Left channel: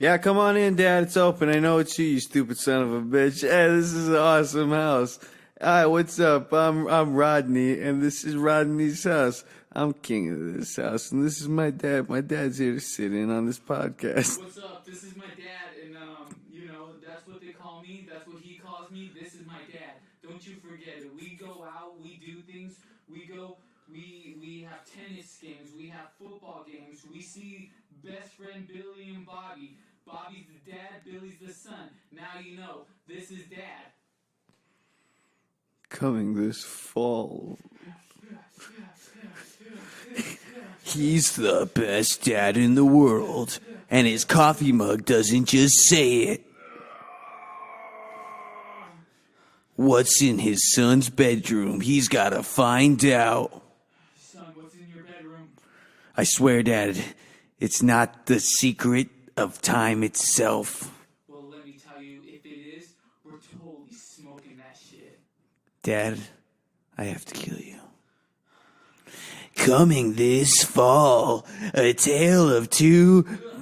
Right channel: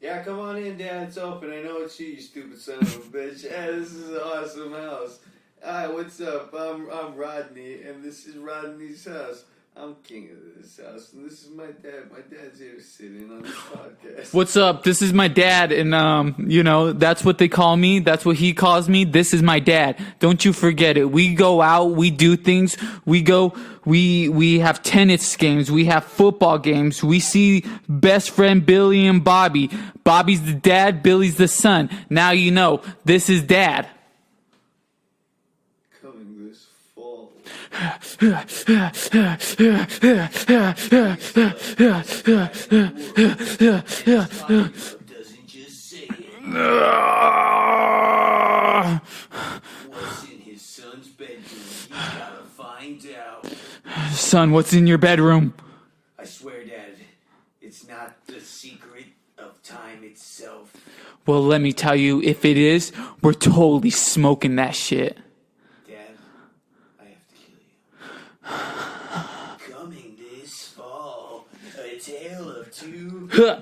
Yeah, come on in, Dad. It's open. I know it's you stupid son of a bitch. Hey, this is an awesome house. Hi, what's up? I'm Rodney, and this is Rodney's house. I'm king of this house, and this is my dad. My dad's here to sit in on this podcast. What's up? This is my dad, and that's what they call me. That's what he calls me. This is my dad. Don't you forget it. We go out, we do things. We have tennis games, we have football games. We see best friend Billy and Bobby. Bobby's the dad, Billy's the son. Now you know. This is Dad. Coming this fall. He's the best dad in the world, and his coffee mug doesn't just say it. What's in his son's bedroom? He's gotta find out. Son, what's in your bedroom? I swear, Dad, it's not the secret of time itself. Well, let me tell you, if it is, we're totally smoking that shit. Dad, I have to kill you. Coming this fall, a tale of two, a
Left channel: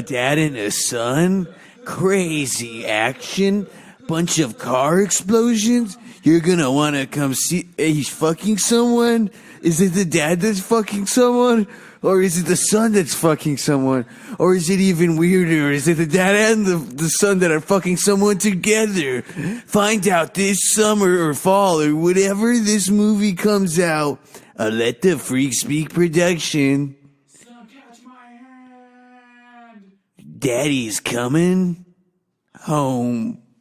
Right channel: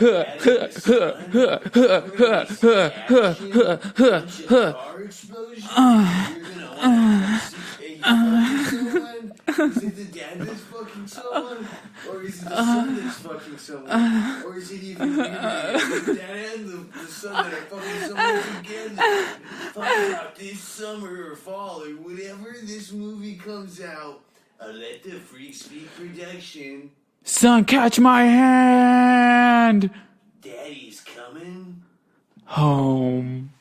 dad and a son, crazy action, bunch of car explosions. You're gonna wanna come see. He's fucking someone? Is it the dad that's fucking someone? Or is it the son that's fucking someone? Or is it even weirder? Is it the dad and the son that are fucking someone together? Find out this summer or fall or whenever this movie comes out. Let the Freak Speak production. Son, catch my hand. Daddy's coming home.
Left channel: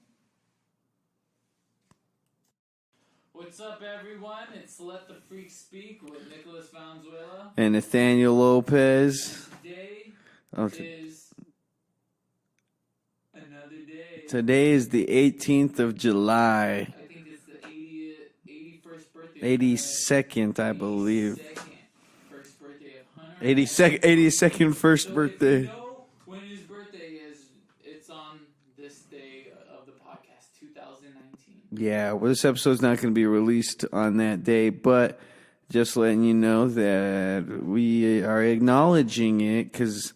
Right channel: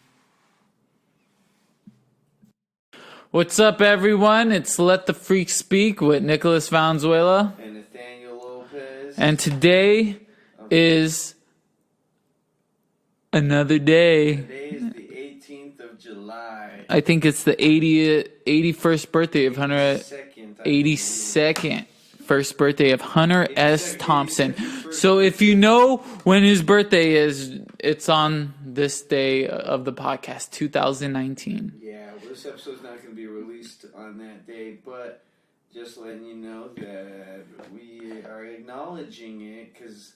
What's up, everyone? It's Let the Freak Speak with Nicholas Valenzuela. And Nathaniel Lopez. And today is another day. Today is the 18th of July. I think it's the 81st birthday of Hunter. 82nd, I believe. 82nd first birthday of Hunter S. 82nd Thompson. 82nd first so birthday. if you know when his birthday is, it's on this day of the podcast, 2019. Yeah, well, this episode's not going to be released on that day, but just letting you know that we are acknowledging it because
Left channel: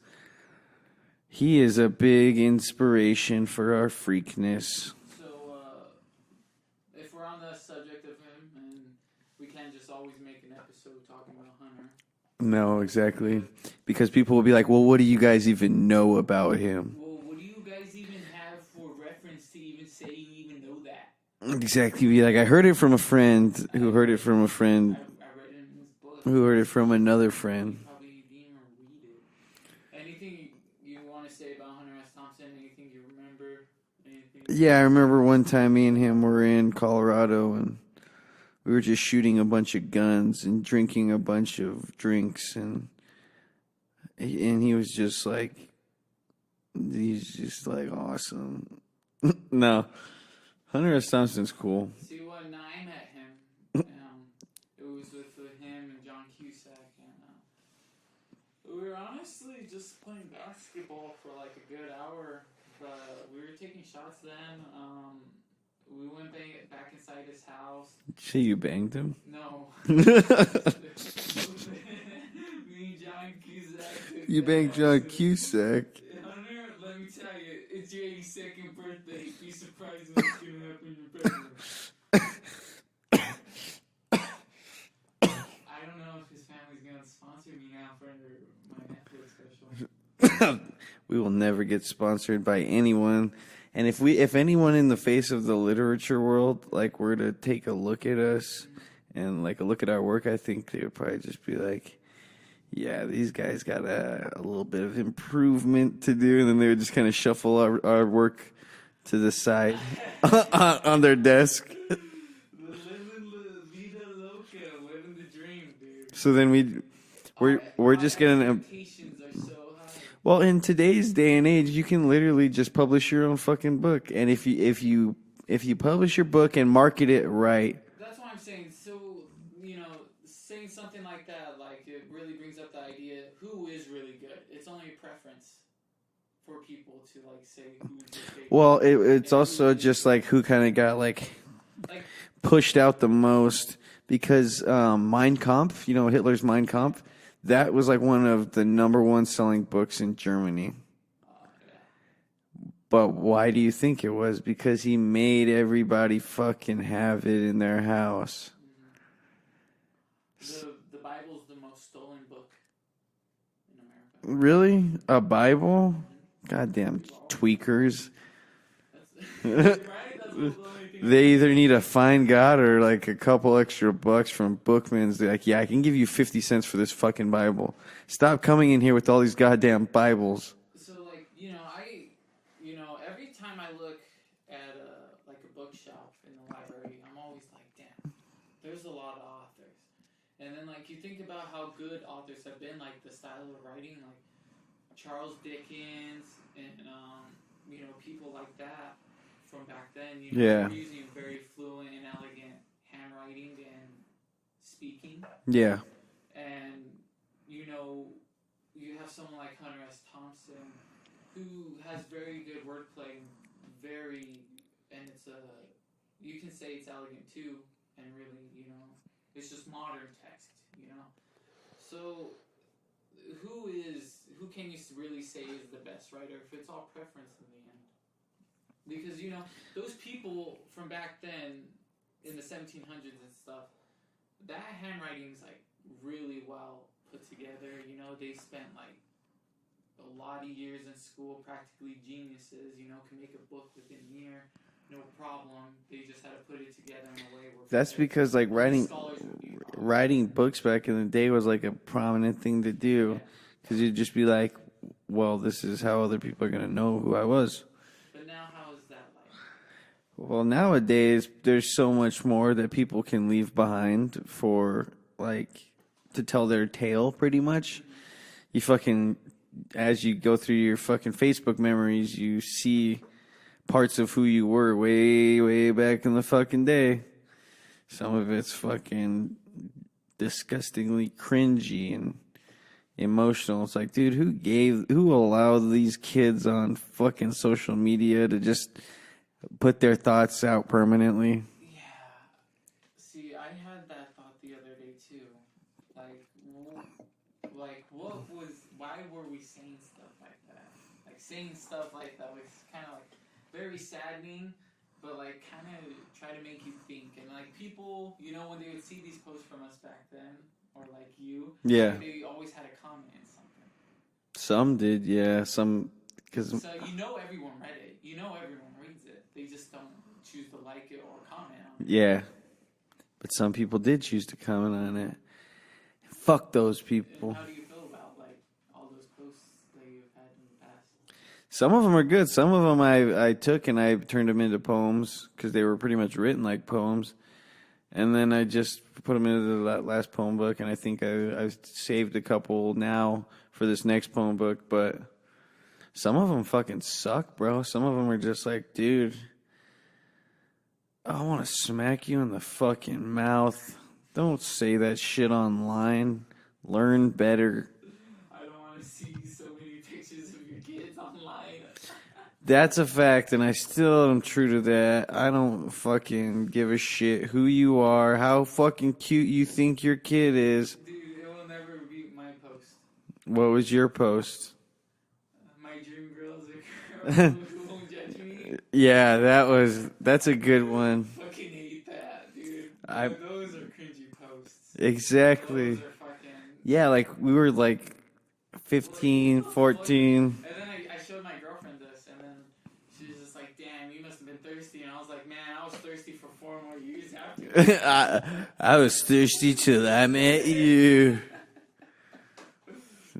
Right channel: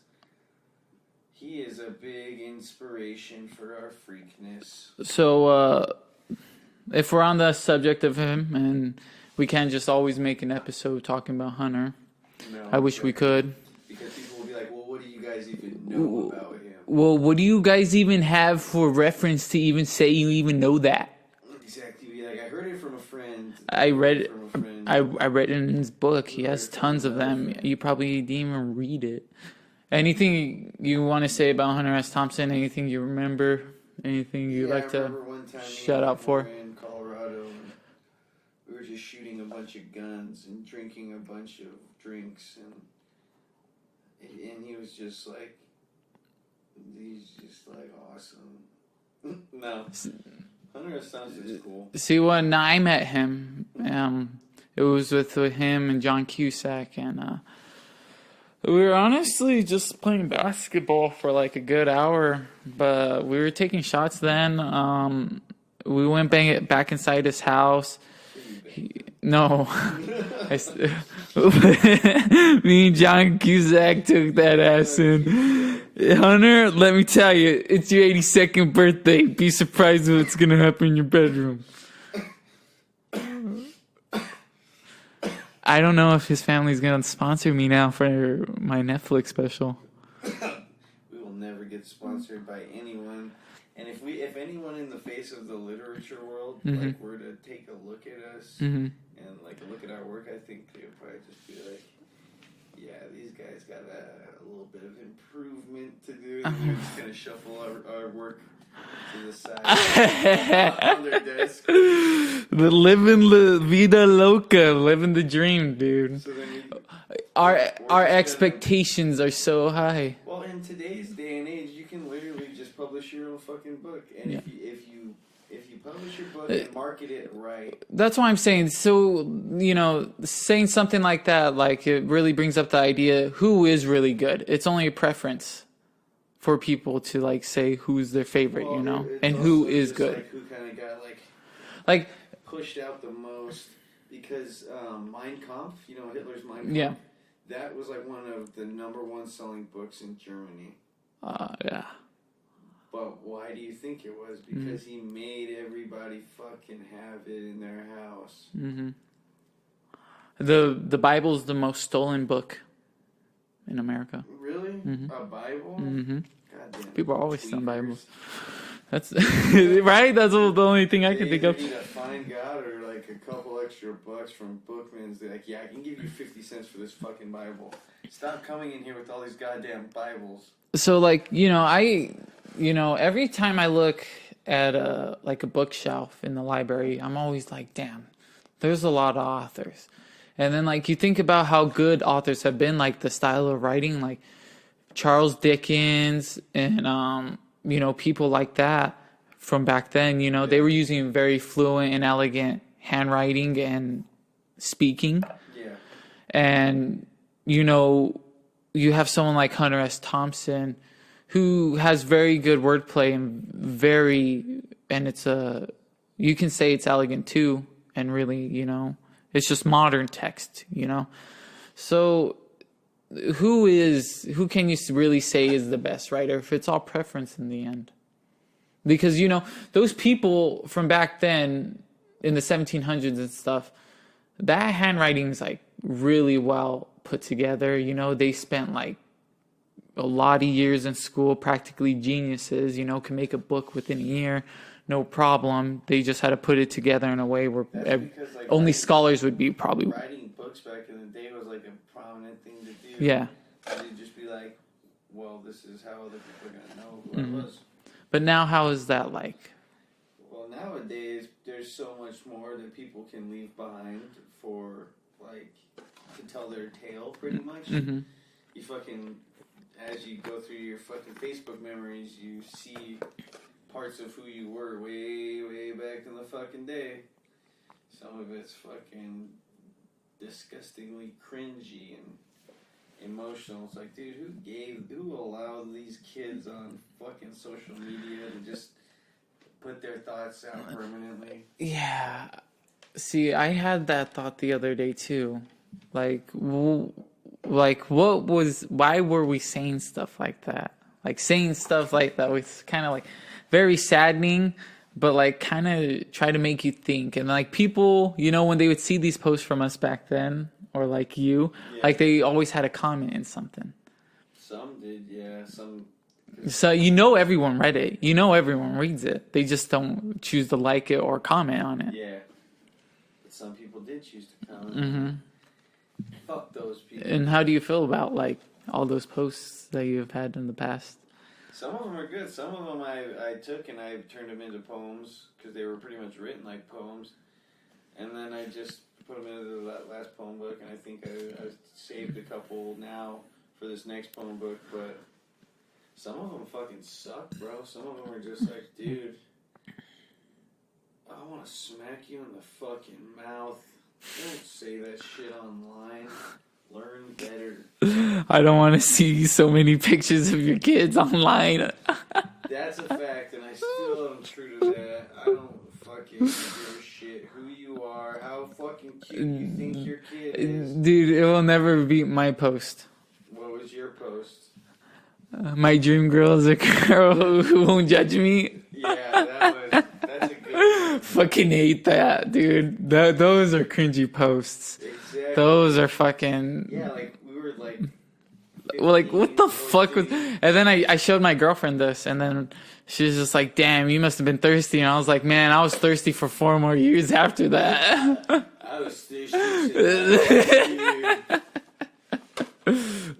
he is a big inspiration for our freakness. So if we're on the subject of him, and we can't just always make an episode talking about Hunter. No, I wish we could. Because people will be like, well, what do you guys even know about him? Well, what do you guys even have for reference to even say you even know that? Exactly. Be like, I heard it from a friend. I read it from a friend. I read it in his book. He heard has it from tons another of them. friend. You probably didn't even read it. Anything you want to say about Hunter S. Thompson? Anything you remember? Anything? Yeah, I remember one time me and shout him out were for? in Colorado, and we were just shooting a bunch of guns and drinking a bunch of drinks, and he was just like, he's just like awesome. No, Hunter S. Thompson's cool. See, when I met him, it was with him and John Cusack, and we were honestly just playing basketball for like a good hour, but we were taking shots then. We went back inside his house. Shit, you banged him? No. Me and John Cusack took that ass in. Hunter, let me tell you, it's your 82nd birthday. Be surprised what's going to happen in your bedroom. I don't know if his family's going to sponsor me now for my Netflix special. We will never get sponsored by anyone. And if anyone in the face of the literature world like were to take a look at us and like a look at our work, I think they would probably just be like, yeah, these guys got a little bit of improvement to do, and then they would just kind of shuffle our work to the side on their desk. The living la vida loca, living the dream, dude. So then our just expectations are so high. Well, in today's day and age, you can literally just publish your own fucking book, and if you publish your book and market it right, that's why I'm saying. So saying something like that, like it really brings up the idea: who is really good? It's only a preference for people to like say who's their favorite. Well, it's and also just good. like who kind of got like pushed out the most, because Mein Kampf, Hitler's Mein Kampf, that was like one of the number one selling books in Germany. Yeah. But why do you think it was? Because he made everybody fucking have it in their house. Mm-hmm. The Bible's the most stolen book in America. Really? Mm-hmm. A Bible? Mm-hmm. Goddamn People are always stealing tweakers. That's right. That's the only thing I can They think either of. need to find God or like a couple extra bucks from Bookman's. They're like, yeah, I can give you 50 cents for this fucking Bible. Stop coming in here with all these goddamn Bibles. So like, every time I look at a bookshelf in the library, I'm always like, damn, there's a lot of authors. And then like you think about how good authors have been, like the style of writing, like Charles Dickens and people like that from back then, they were using very fluent and elegant handwriting and speaking. Yeah. And you have someone like Hunter S. Thompson who has very good wordplay and it's you can say it's elegant too, and really, it's just modern text, So who can you really say is the best writer if it's all preference in the end? Because, those people from back then in the 1700s and stuff, that handwriting's like really well put together. They spent like a lot of years in school, practically geniuses, can make a book within a year, no problem. They just had to put it together in a way where because like only scholars would be probably writing books back in the day was like a prominent thing to do. Yeah. Because you'd just be like, well, this is how other people are going to know who I was. But now how is that like? Well, nowadays, there's so much more that people can leave behind for, like, to tell their tale, pretty much. Mm-hmm. You fucking, as you go through your fucking Facebook memories, you see parts of who you were way, way back in the fucking day. Some of it's fucking disgustingly cringy and emotional. It's like, dude, who allowed these kids on fucking social media to just put their thoughts out permanently? Yeah. See, I had that thought the other day too. Why were we saying stuff like that? Like saying stuff like that was kind of like very saddening, but like kind of try to make you think. And like people, when they would see these posts from us back then, or like like they always had a comment in something. Some did, yeah. So everyone read it. Everyone reads it. They just don't choose to like it or comment on it. Yeah. But some people did choose to comment on it. Fuck those people. And how do you feel about like all those posts that you've had in the past? Some of them are good. Some of them I took and I turned them into poems because they were pretty much written like poems. And then I just put them into that last poem book, and I think I've saved a couple now for this next poem book, but some of them fucking suck, bro. Some of them are just like, dude, I want to smack you in the fucking mouth. Don't say that shit online. Learn better. I don't want to see so many pictures of your kids online. That's a fact, and I still am true to that. I don't fucking give a shit who you are, how fucking cute you think your kid is. Dude, it will never beat my post. What was your post? My dream girl is a girl who won't judge me. Yeah, that's a good one. Fucking hate that, dude. Those are cringy posts. Exactly. Those are fucking... Yeah, like, we were like 15, like, what the 14. fuck? And then I showed my girlfriend this, and then she was just like, damn, you must have been thirsty. And I was like, man, I was thirsty for 4 more years after that. I was thirsty till I met you.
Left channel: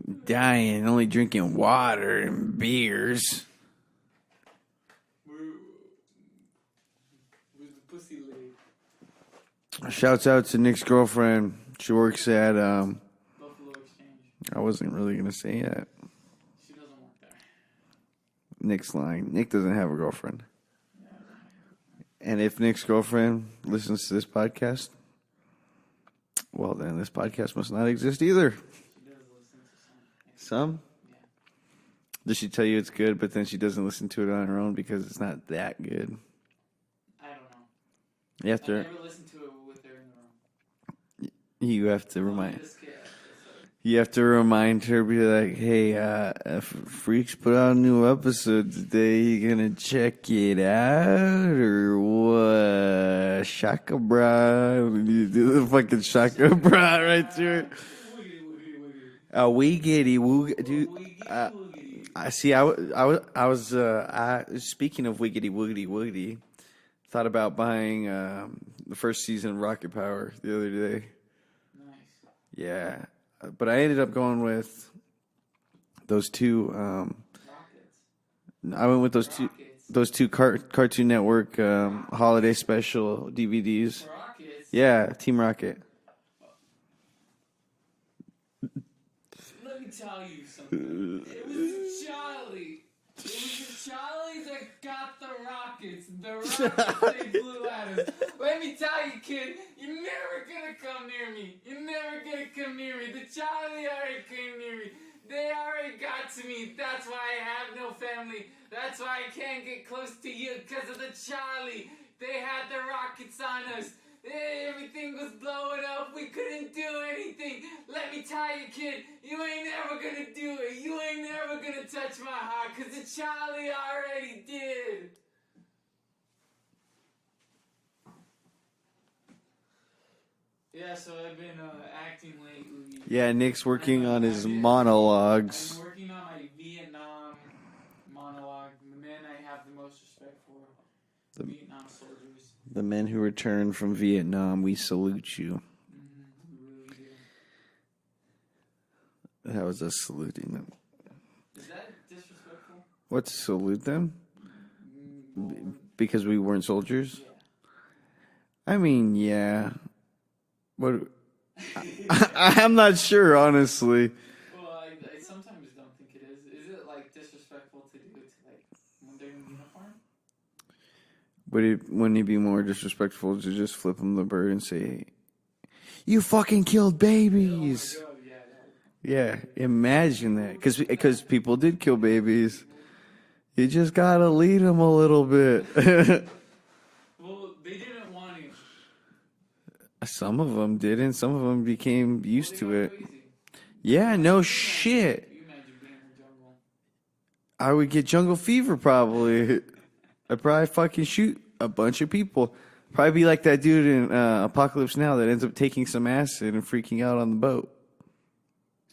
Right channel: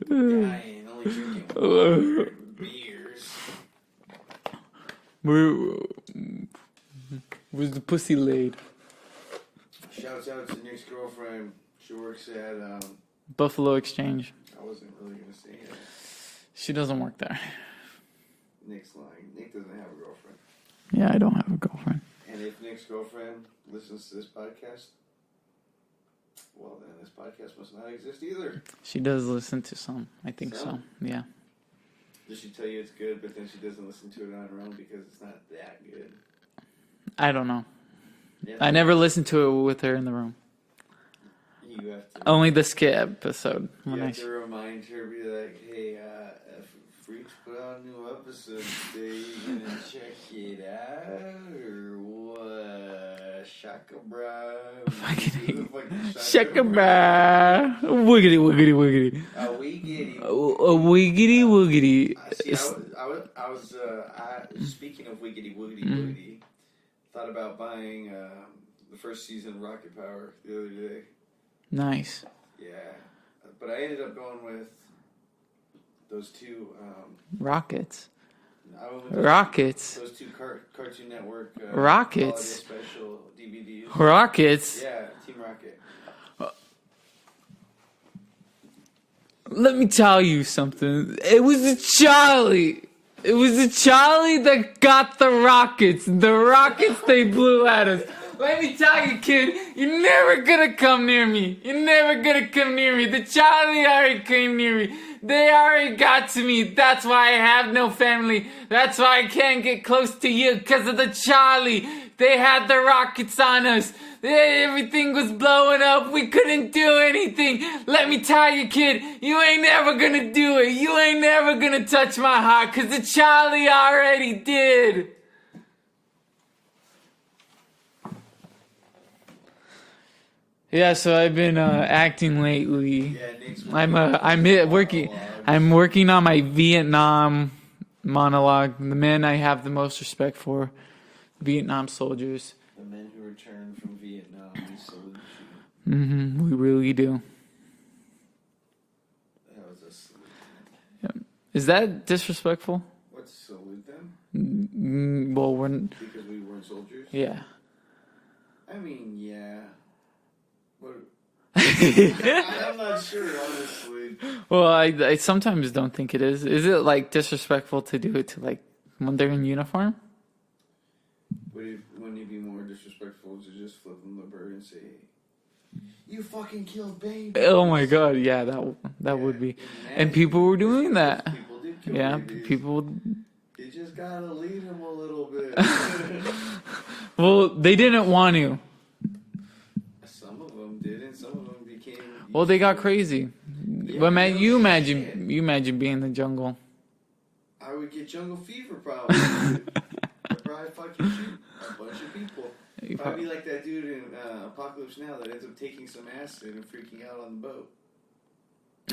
Dying, only drinking water and beers. Where's the pussy laid? Shouts out to Nick's girlfriend. She works at Buffalo Exchange. I wasn't really gonna say that. She doesn't work there. Nick's lying. Nick doesn't have a girlfriend. Yeah, I don't have a girlfriend. And if Nick's girlfriend listens to this podcast, well, then this podcast must not exist either. She does listen to some. I think so. Yeah. Does she tell you it's good, but then she doesn't listen to it on her own because it's not that good? I don't know. I never listened to it with her in the room. You have to Only the skit episode. You have to remind her, be like, "Hey, if Freaks put out a new episode today, you gonna check it out or what? Shaka bra, you do the fucking shaka bra. Wiggity, wiggity, wiggity. A wiggity, Wiggity, wiggity. I see. I was. Speaking of wiggity, wiggity, wiggity, thought about buying the first season of Rocket Power the other day. Nice. Yeah, but I ended up going with those two. Rockets. I went with those Rockets. Those two Cartoon Network Rockets. holiday special DVDs. Rockets. Yeah, Team Rocket. Let me tell you something. It was a Charlie. It was a Charlie that got the rockets. The rockets they blew at us. Let me tell you, kid, you're never gonna come near me. You're never gonna come near me. The Charlie already came near me. They already got to me. That's why I have no family. That's why I can't get close to you, because of the Charlie. They had the rockets on us. Everything was blowing up. We couldn't do anything. Let me tell you, kid, you ain't never gonna do it. You ain't never gonna touch my heart, because the Charlie already did. Yeah, so I've been acting lately. Yeah, Nick's working on his monologues. I'm working on my Vietnam monologue. The men I have the most respect for, the Vietnam soldiers. The men who returned from Vietnam, we salute you. We really do. That was us saluting them. Yeah. Is that disrespectful? What, to salute them? Well, we're... Because we weren't soldiers? Yeah. I mean, yeah. What? I'm not sure, honestly. Well, I sometimes don't think it is. Is it, like, disrespectful to do it to, like, when they're in uniform? Wouldn't it be more disrespectful to just flip them the bird and say, "You fucking killed babies"? Oh my god, yeah, that would be. Imagine and people were doing that. Because people did kill babies. People. You just gotta lead them a little bit. Well, they didn't want to. Some of them didn't. Some of them became used Well, they got to it. crazy. Yeah, but no you shit. imagine being in the jungle. I would get jungle fever probably. I'd probably fucking shoot a bunch of people. Probably be like that dude in Apocalypse Now that ends up taking some acid and freaking out on the boat.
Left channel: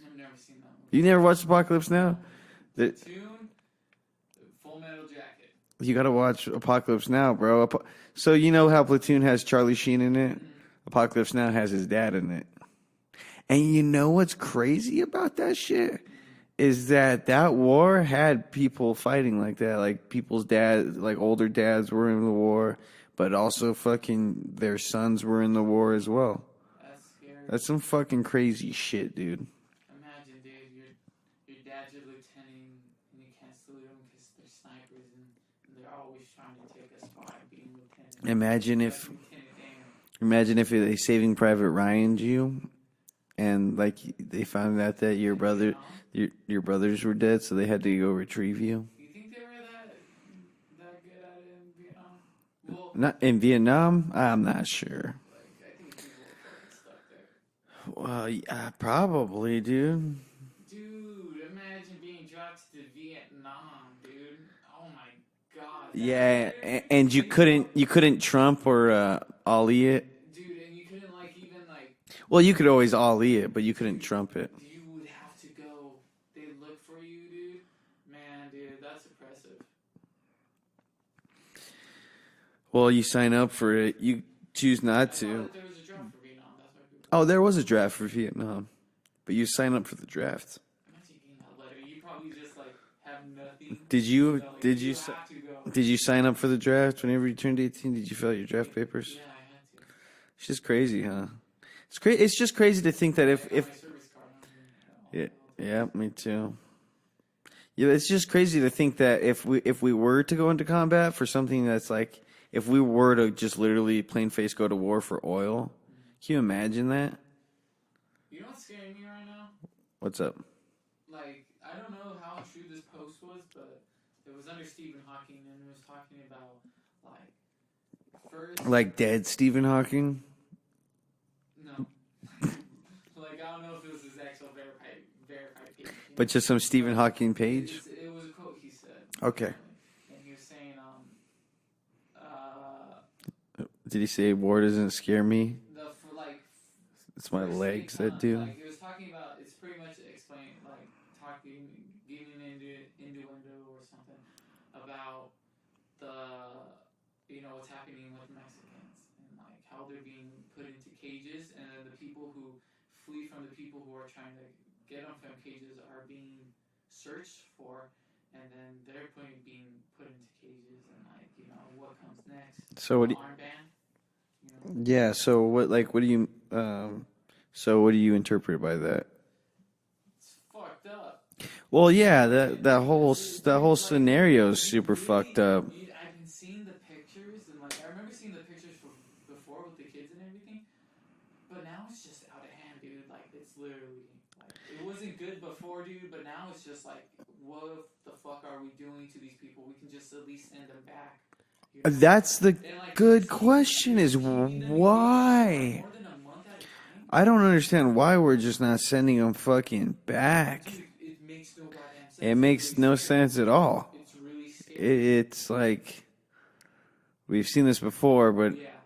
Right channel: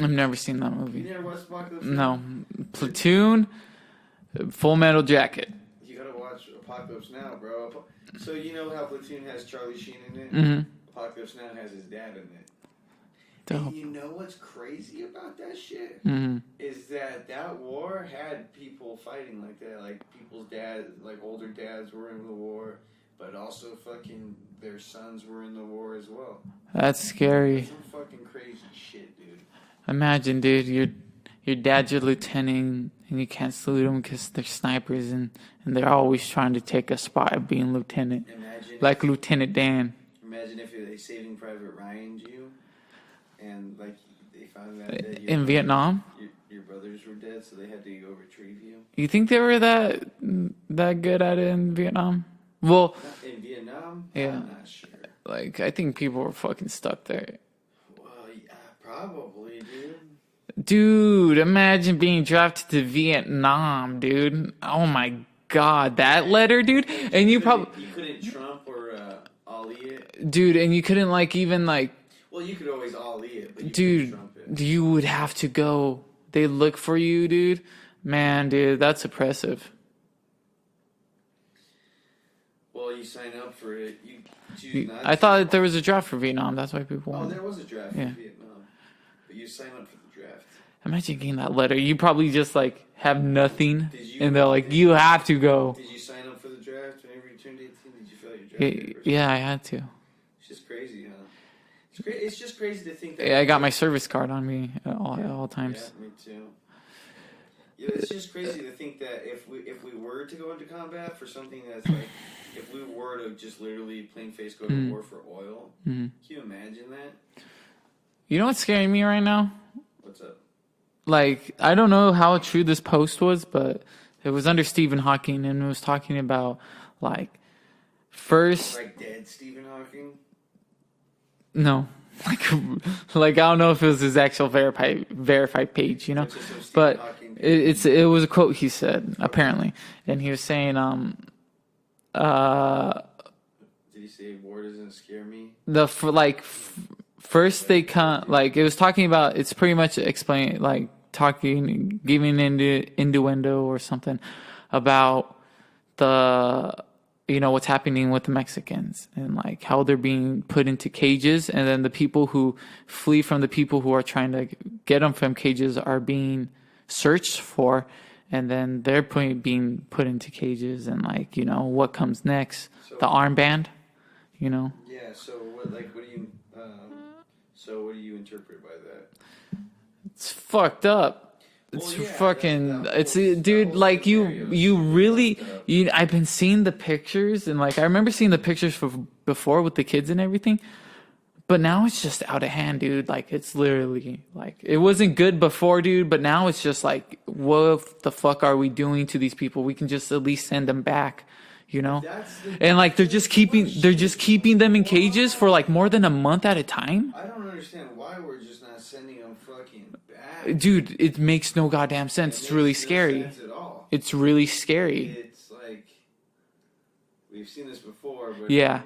I've never seen that movie. You never watched Apocalypse Now? No. Platoon, Full Metal Jacket. You gotta watch Apocalypse Now, bro. So you know how Platoon has Charlie Sheen in it? Mm-hmm. Apocalypse Now has his dad in it. And you know what's crazy about that shit? Mm-hmm. Is that war had people fighting like that. Like people's dads, like older dads were in the war, but also fucking their sons were in the war as well. That's scary. That's some fucking crazy shit, dude. Imagine, dude, your dad's your lieutenant and you can't salute them because they're snipers and they're always trying to take a spot of being lieutenant. Imagine like Lieutenant Dan. Imagine if they Saving Private Ryan'd you. And like they found out that Vietnam, your brothers were dead, so they had to go retrieve you. You think they were that good at it in Vietnam? Well, not in Vietnam. Yeah. I'm not sure. Like I think people were fucking stuck there. Well, yeah, probably, dude. Dude, imagine being drafted to Vietnam, dude. Oh my god, that letter, dude. And you couldn't Trump or ollie it, dude. And you couldn't even. Well, you could always ollie it, but you couldn't Trump it. You would have to go. They look for you, dude. Man, dude, that's oppressive. Well, you sign up for it. You choose not to. I thought there was a draft for Vietnam. That's why people... Oh, there was a draft for Vietnam. But you sign up for the draft. Imagine getting that letter. You probably just, have nothing. Did you? And they're like, you have to go. Did you sign up for the draft whenever you turned 18? Did you fill out your draft papers? Yeah, I had to. It's just crazy, huh? It's just crazy to think that... Yeah, I got my service card on me at all times. Yeah, me too. Yeah, it's just crazy to think that if we were to go into combat for something that's like... If we were to just literally plain face go to war for oil, can you imagine that? You know what's scaring me right now? What's up? I don't know how true this post was, but it was under Stephen Hawking and it was talking about, first... Like dead Stephen Hawking? No. Like I don't know if it was his actual verified page, you know. But just some Stephen But Hawking page. It was a quote he said apparently, and he was saying Did he say war doesn't scare me? First they legs, come that dude. like it was talking about. It's pretty much explaining like talking, giving innuendo or something about the what's happening with the Mexicans and like how they're being put into cages, and then the people who flee from the people who are trying to get them from cages are being searched for, and then they're being put into cages, and like what comes next? So the armband, Yeah. So what do you? So what do you interpret by that? It's fucked up. Well, It's yeah, fucking, that whole, dude, the whole like scenario is you super really, fucked up. I've been seeing the pictures, and like I remember seeing the pictures before with the kids and everything, but now it's just out of hand, dude. Like it's literally like it wasn't good before, dude, but now it's just like, what the fuck are we doing to these people? We can just at least send them back. That's the and like they're good just keeping question them in cages for like why? more than a month at a time. I don't understand why we're just not sending them fucking back. Dude, it makes no goddamn sense. It It's makes really no scary. sense at all. It's really scary. It's like we've seen this before, but Yeah.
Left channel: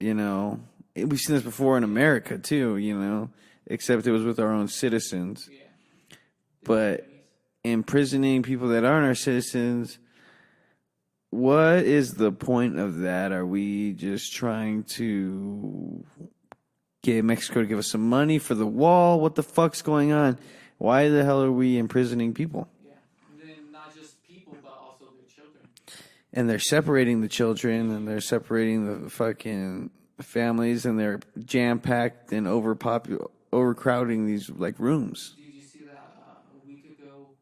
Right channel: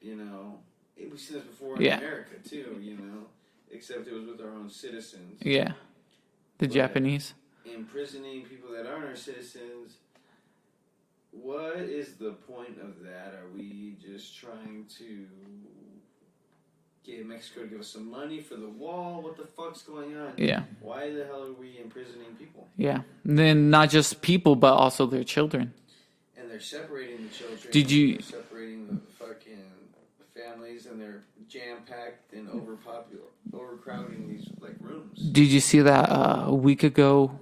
we've seen this before in Yeah. America too. Except it was with our own citizens. Yeah. The But- Japanese. Imprisoning people that aren't our citizens. What is the point of that? Are we just trying to get Mexico to give us some money for the wall? What the fuck's going on? Yeah. Why the hell are we imprisoning people? Yeah. And then not just people, but also their children. And they're separating the children. Did you- And they're separating the fucking families, and they're jam packed and overcrowding these like rooms. Did you see that a week ago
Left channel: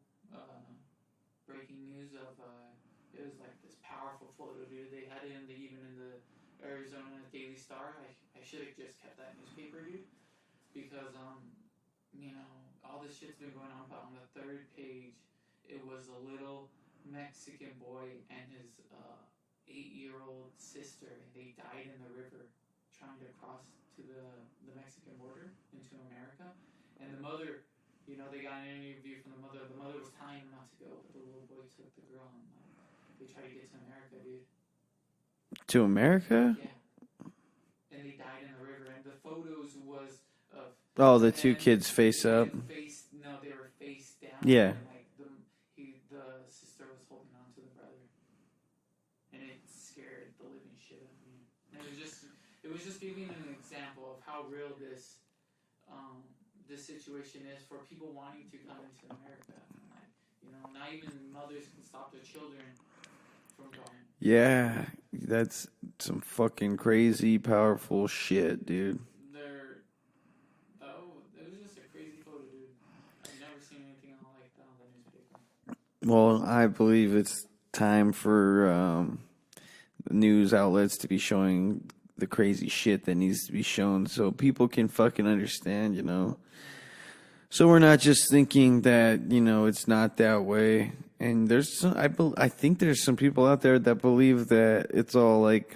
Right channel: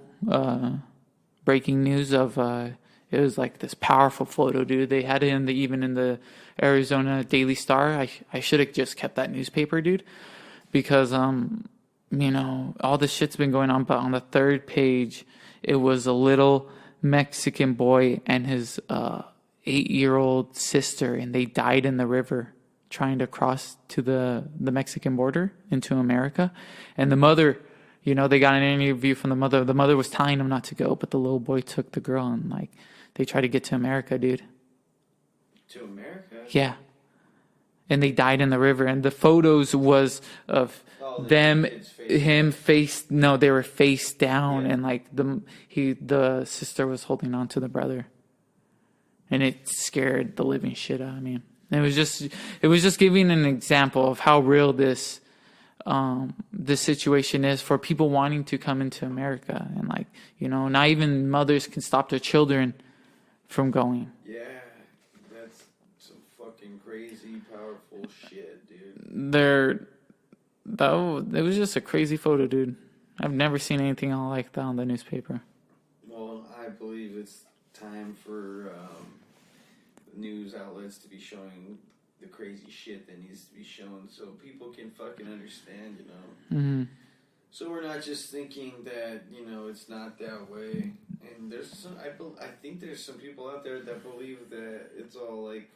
breaking news of it was like this powerful photo, dude. They had it even in the Arizona Daily Star. I should have just kept that newspaper, dude, because all this shit's been going on, but on the third page it was a little Mexican boy and his 8-year-old sister, and they died in the river trying to cross to the Mexican border into America. And the mother, they got an interview from the mother. The mother was telling him not to go, but the little boy took the girl, and like they tried to get to America, dude. To America? Yeah. And they died in the river, and the photos was of the them, two kids face him up. they were face down, Yeah. and like the sister was holding on to the brother, and it scared the living shit out of me. It was just giving an example of how real this situation is for people wanting to come into America, and like not even mothers can stop their children from going. Yeah, that's some fucking crazy, powerful shit, dude. It was just a crazy photo, dude. I've never seen anything like that on the newspaper. Well, I believe it's time for news outlets to be showing the crazy shit that needs to be shown so people can fucking understand, Mm-hmm. So we're not just thinking that, it's not that way. And there's I think there's some people out there that believe that it's all like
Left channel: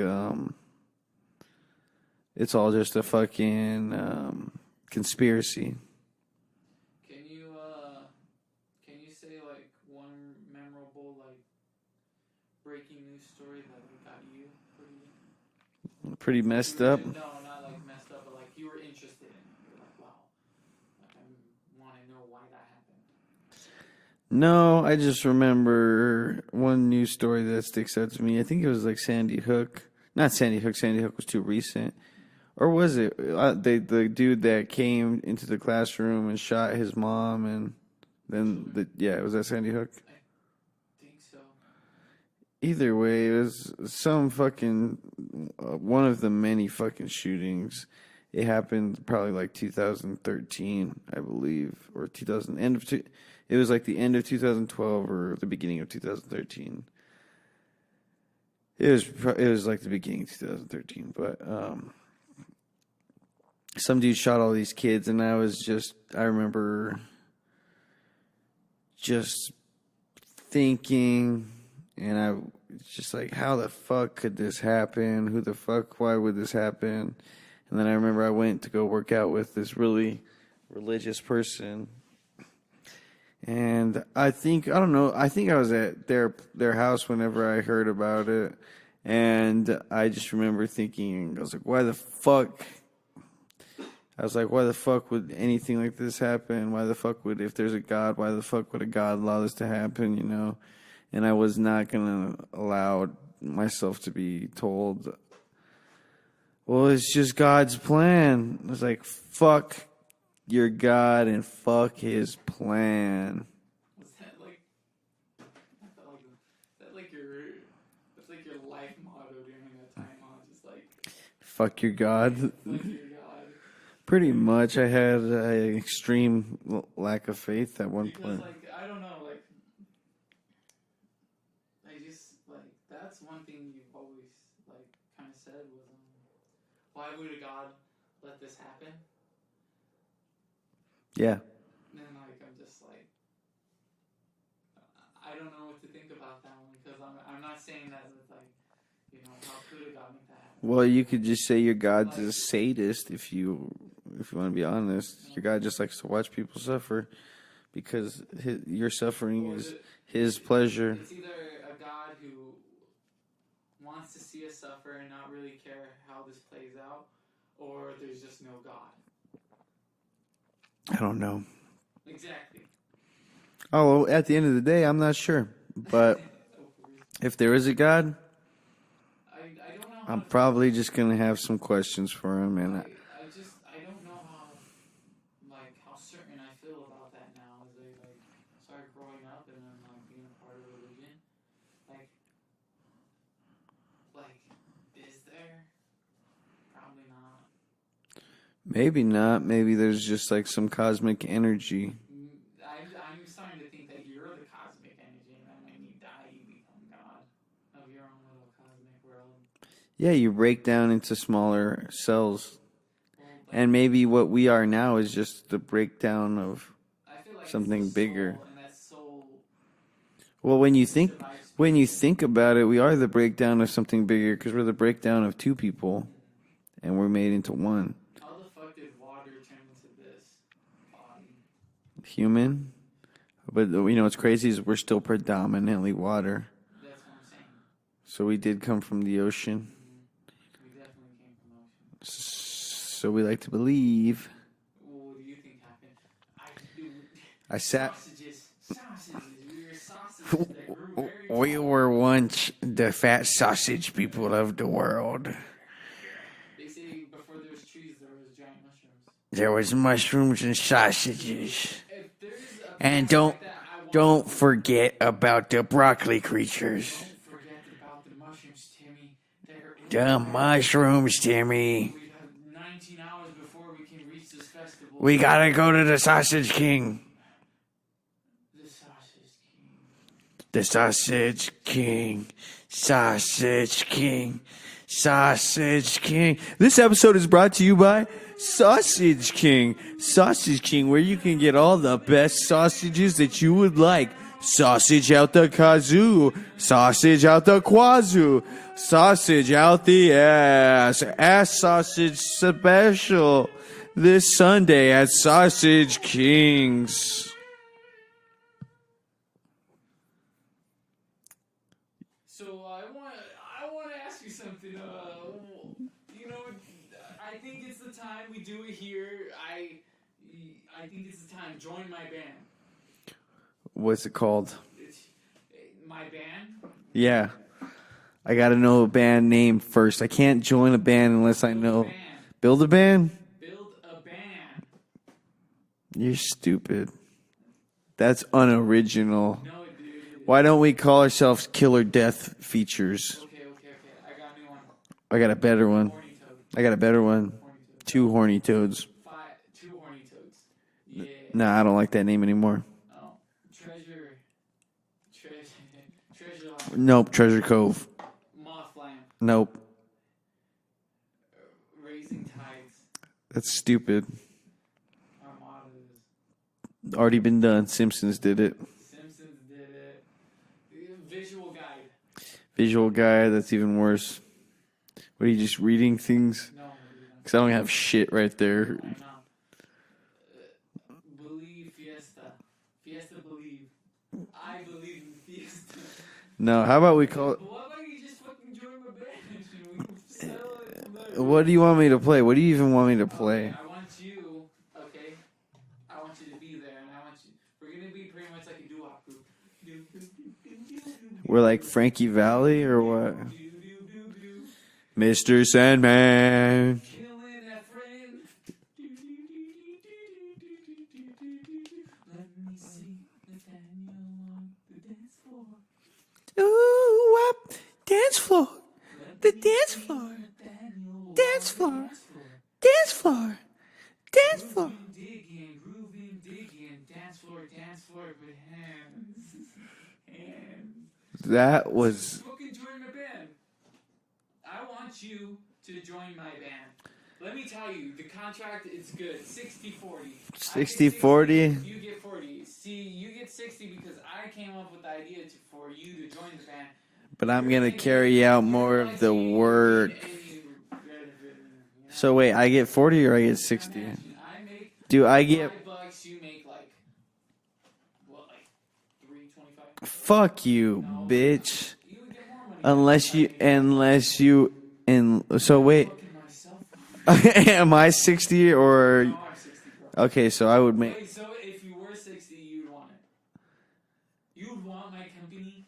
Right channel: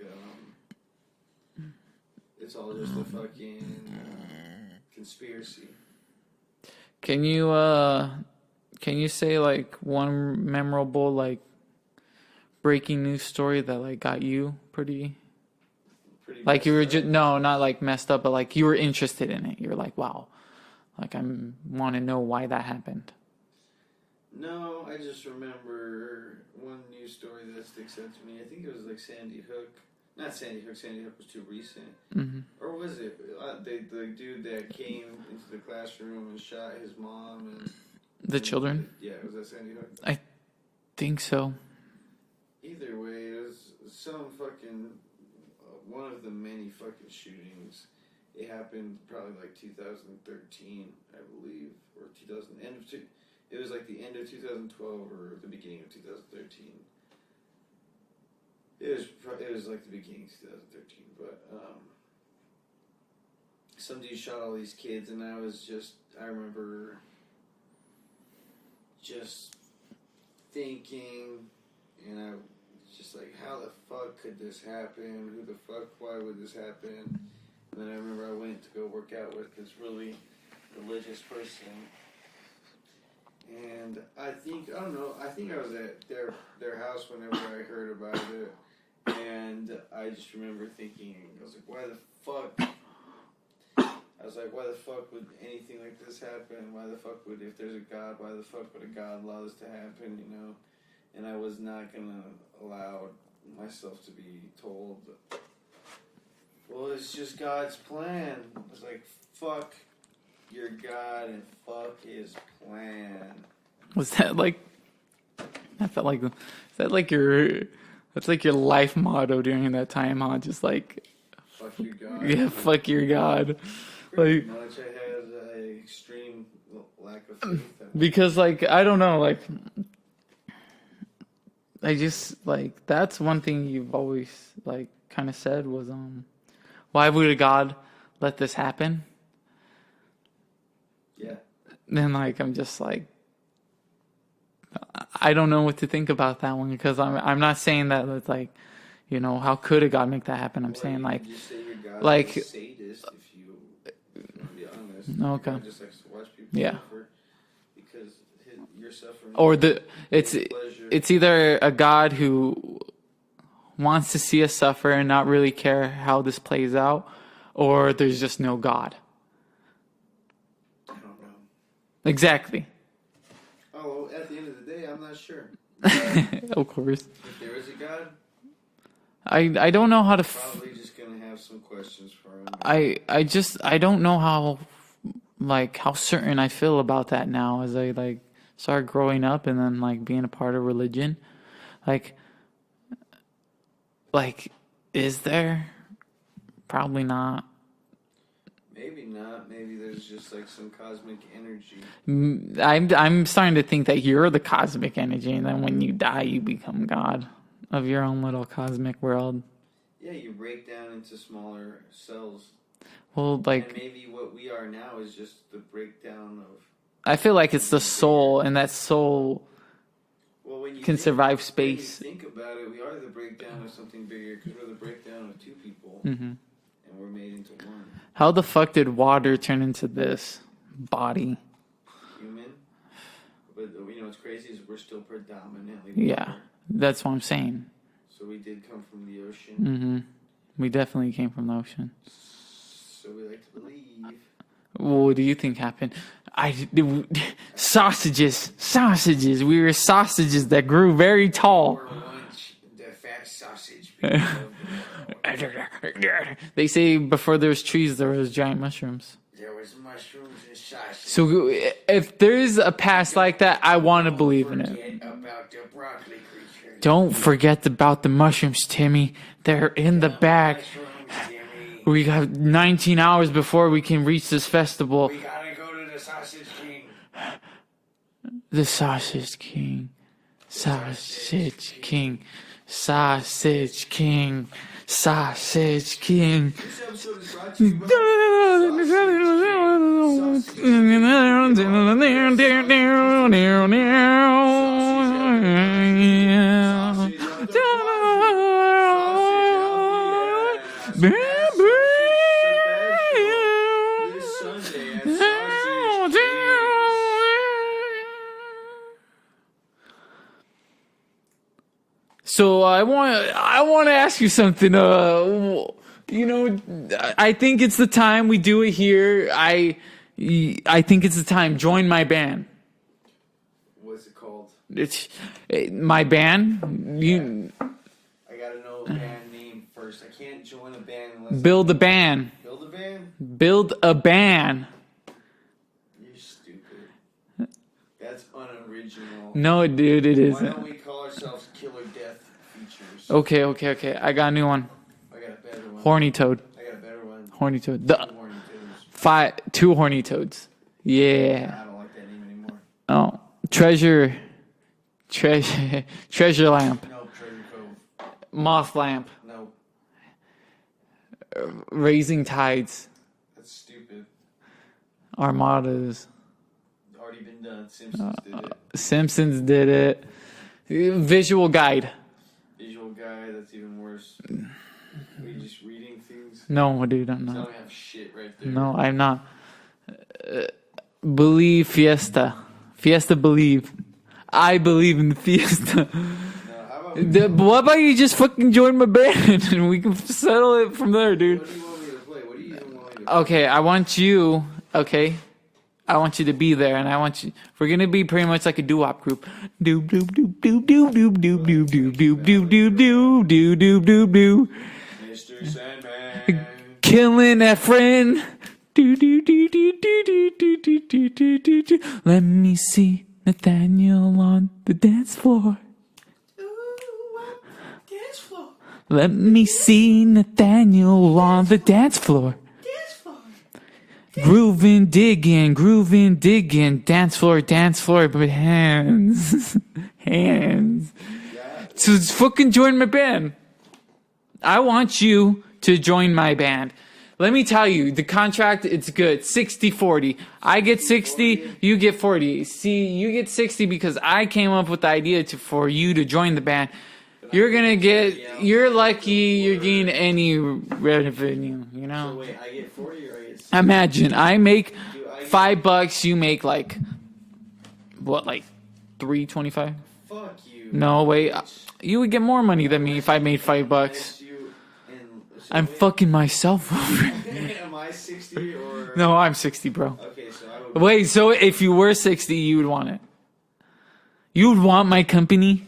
it's all just a fucking conspiracy. Can you say like one memorable like breaking news story that like got you pretty Pretty like messed you were up. no, not like messed up, but like you were interested in it. You're like, wow, like I want to know why that happened. No, I just remember one news story that sticks out to me. I think it was like Sandy Hook. Not Sandy Hook. Sandy Hook was too recent. Mm-hmm. Or was it the dude that came into the classroom and shot his mom and The children? Was that Sandy Hook? I think so. Either way, it was some fucking one of the many fucking shootings. It happened probably like 2013, I believe, or 2000 end of. It was like the end of 2012 or the beginning of 2013. It was like the beginning of 2013, but some dude shot all these kids, and I remember just thinking, and I was just like, how the fuck could this happen? Why would this happen? And then I remember I went to go work out with this really religious person. And I don't know, I think I was at their house whenever I heard about it. And I just remember thinking, I was like, why the fuck? I was like, why the fuck would anything like this happen? Why the fuck would, if there's a God, why the fuck would a God allow this to happen, you know? And I was not going to allow myself to be told, well, it's just God's plan. I was like, fuck your God and fuck his plan. Was that like, I felt like, is that like that's like your life motto during that time, huh? Just like, fuck your God. yeah, fuck your God. Pretty Like, much. I had an extreme lack of faith at one because point. like, I don't know, like, I just like, that's one thing you've always like kind of said was, why would a God let this happen? Yeah. Then like, I'm just like, I don't know what to think about that one, because I'm not saying that it's like, you know, how could a God make that happen? I'm Well, saying, you like, could just say your God's like, a sadist if you want to be honest. No, Your okay. God just likes to watch people Yeah. suffer because you're suffering. or is it's his pleasure. It's either a God who wants to see us suffer and not really care how this plays out, or there's just no God. I don't know. Exactly. Oh, well, at the end of the day, I'm not sure. But Of course. if there is a God, I don't know how to. probably just gonna have some questions for him. And I don't know how, like, how certain I feel about that now as I like start growing up and then like being a part of religion. Like is there? Probably not. maybe not. Maybe there's just like some cosmic energy. I'm starting to think that you're the cosmic energy, and then when you die, you become God of your own little cosmic world. Yeah, you break down into smaller cells. Well, like, And maybe what we are now is just the breakdown of. I feel like it's the something soul, bigger. and that soul Well, when you can think survive space. when you think about it, we are the breakdown of something bigger because we're the breakdown of two people, Mm-hmm. and we're made into one How the fuck did water turn into this body? human. But you know what's crazy is we're still predominantly water. Yeah, that's what I'm saying. So we did come from the ocean. We definitely came from the ocean. So we like to believe. What do you think happened? Sausages. We were sausages that grew very tall. We were once the fat sausage people of the world. They say before there was trees, there was giant mushrooms. There was mushrooms and sausages. So if there's a past don't- like that, I want to believe Don't in it. forget about the broccoli creatures. Don't forget about the mushrooms, Timmy. They're in the bag. mushrooms, Timmy. We got 19 hours before we can reach this festival. We gotta go to the Sausage King. The Sausage King. The Sausage King. Sausage King. Sausage King. This episode is brought to you by Sausage King. Sausage King, where you can get all the best sausages that you would like. Sausage out the kazoo. Sausage out the quazoo. Sausage out the ass. Ass sausage special this Sunday at Sausage King's. So I want to ask you something. You know, I think it's the time we do it here. I think it's the time. Join my band. What's it called? It's my band. Yeah. I gotta know a band name first. I can't join a band unless Build I know. a band. Build a band? Build a band. You're stupid. That's unoriginal. No, dude, it is. Why don't we call ourselves Killer Death Features? Okay. I got a new one. I got a better one. Horny Toad. I got a better one. Horny Toad. Two horny toads. Two Horny Toads. Yeah. Nah, I don't like that name anymore. Oh, Treasure Lamp. Nope. Treasure Cove. Moth Lamp. Nope. Raising Tides. That's stupid. Armadas. Already been done. Simpsons did it. Simpsons did it. Visual Guide. Visual Guy. That's even worse. What are you just reading things? No, dude, I'm 'Cause I not. don't have shit right there. No, I'm not. Believe Fiesta. Fiesta believe. I believe in the Fiesta. No, how about we call What about you just fucking join my band and we can settle it from there, dude? What do you want me to play? What do you even want me to play? Okay, I want you. Okay, I want you to be there, and I want you. We're gonna be pretty much like a doo-wop group. Doo doo doo doo doo doo doo. We're like doo, Frankie doo, Valli doo, or doo, what? doo doo doo doo. Mr. Sandman. Killing that friend. Do do do do do do do do do do do do. Let me see Nathaniel on the dance floor. Ooh, dance floor. Let me see Nathaniel on the dance floor. Dance floor. Grooving, digging, dance floor, but hands, hands. That was So just fucking join my band. I want you to join my band. Let me tell you, the contract, it's good. 60-40. I get 60, 60-40? you get 40. See, you get 60 because I came up with the idea for you to join the band. But You're I'm gonna carry out you're more of lucky the you're getting work. any revenue, you know? So wait, I get 40 or I get 60? Imagine I make Do I get $5, you make like what, like $3.25? Fuck you. No, wait, bitch. you would get more money than me if I made $5. Unless you so I'm wait. fucking myself over. Am I 60 or No, I'm 60, bro. Okay, so I would Wait, so if you were 60, you would want it? You would want my company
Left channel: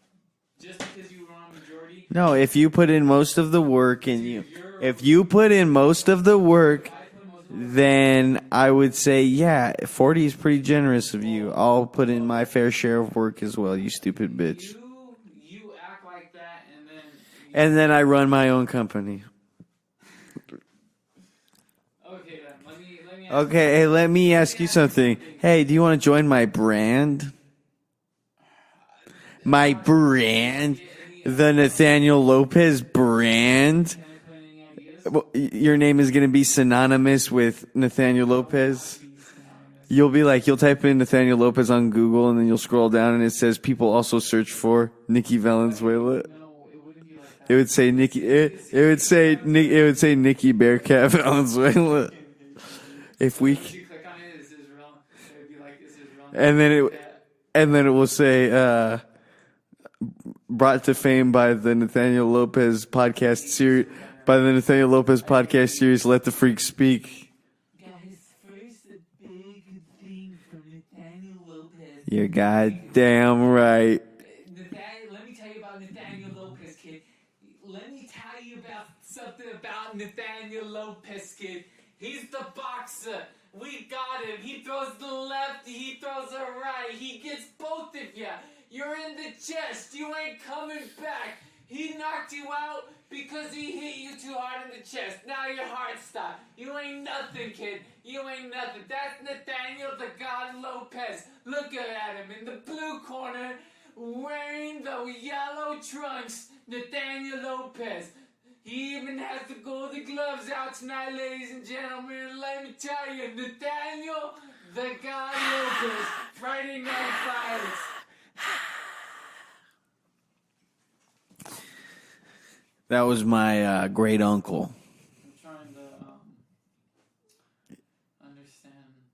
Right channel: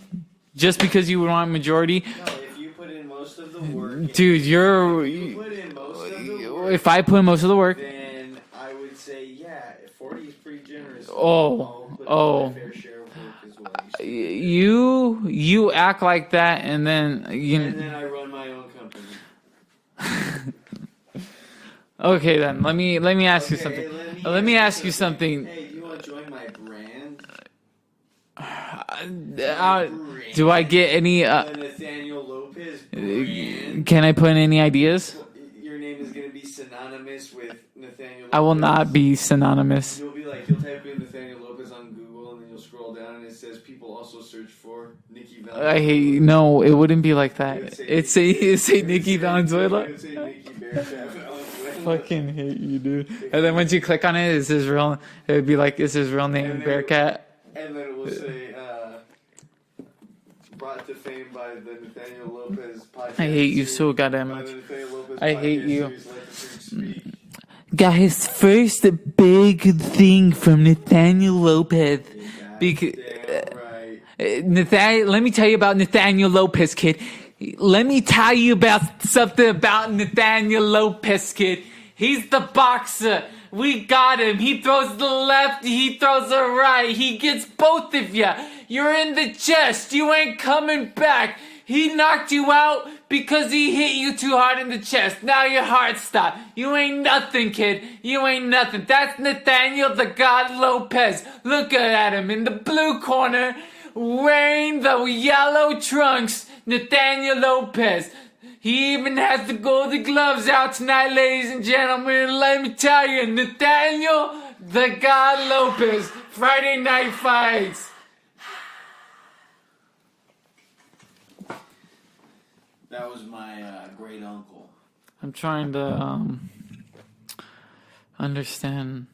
just because you would want majority? No, if you put in most of the work and Dude, if you put in most of the work, If I put in most of the work, then I would say, yeah, 40 is pretty generous of you. I'll put in my fair share of work as well, you stupid bitch. you act like that, and then And then I run my own company. okay, then let me ask you. Okay, hey, let me ask you something. something. Hey, do you want to join my brand? My brand? Do I get any? the Nathaniel Lopez brand? Can I put in any ideas? Well, your name is going to be synonymous with Nathaniel Lopez. I will not be synonymous. You'll type in Nathaniel Lopez on Google, and then you'll scroll down, and it says people also search for Nikki Valenzuela. No, it wouldn't be like that. It would say Nikki. It would say Nikki Bearcat Valenzuela. Fucking hate you, dude. If And we- then once you click on it, it's his real. It would be like, it's his real name. And then it- Bearcat. And then it will say, brought to fame by the Nathaniel Lopez podcast I hate you series. so goddamn By the Nathaniel Lopez I hate podcast you. series, Let the Freak Speak. Got his first big thing from Nathaniel Lopez. You're Bec- goddamn right. Nathaniel, let me tell you about Nathaniel Lopez, kid. Let me tell you about something about Nathaniel Lopez, kid. He's the boxer. We got him. He throws the left, he throws the right. He gets both of you. You're in the chest. You ain't coming back. He knocked you out because he hit you too hard in the chest. Now your heart stopped. You ain't nothing, kid. You ain't nothing. That's Nathaniel the God Lopez. Look at him in the blue corner, wearing the yellow trunks. Nathaniel Lopez. He even has the golden gloves out tonight, ladies and gentlemen. Let me tell you, Nathaniel the God Lopez. Friday Night Fights. That was my great uncle. I'm trying to understand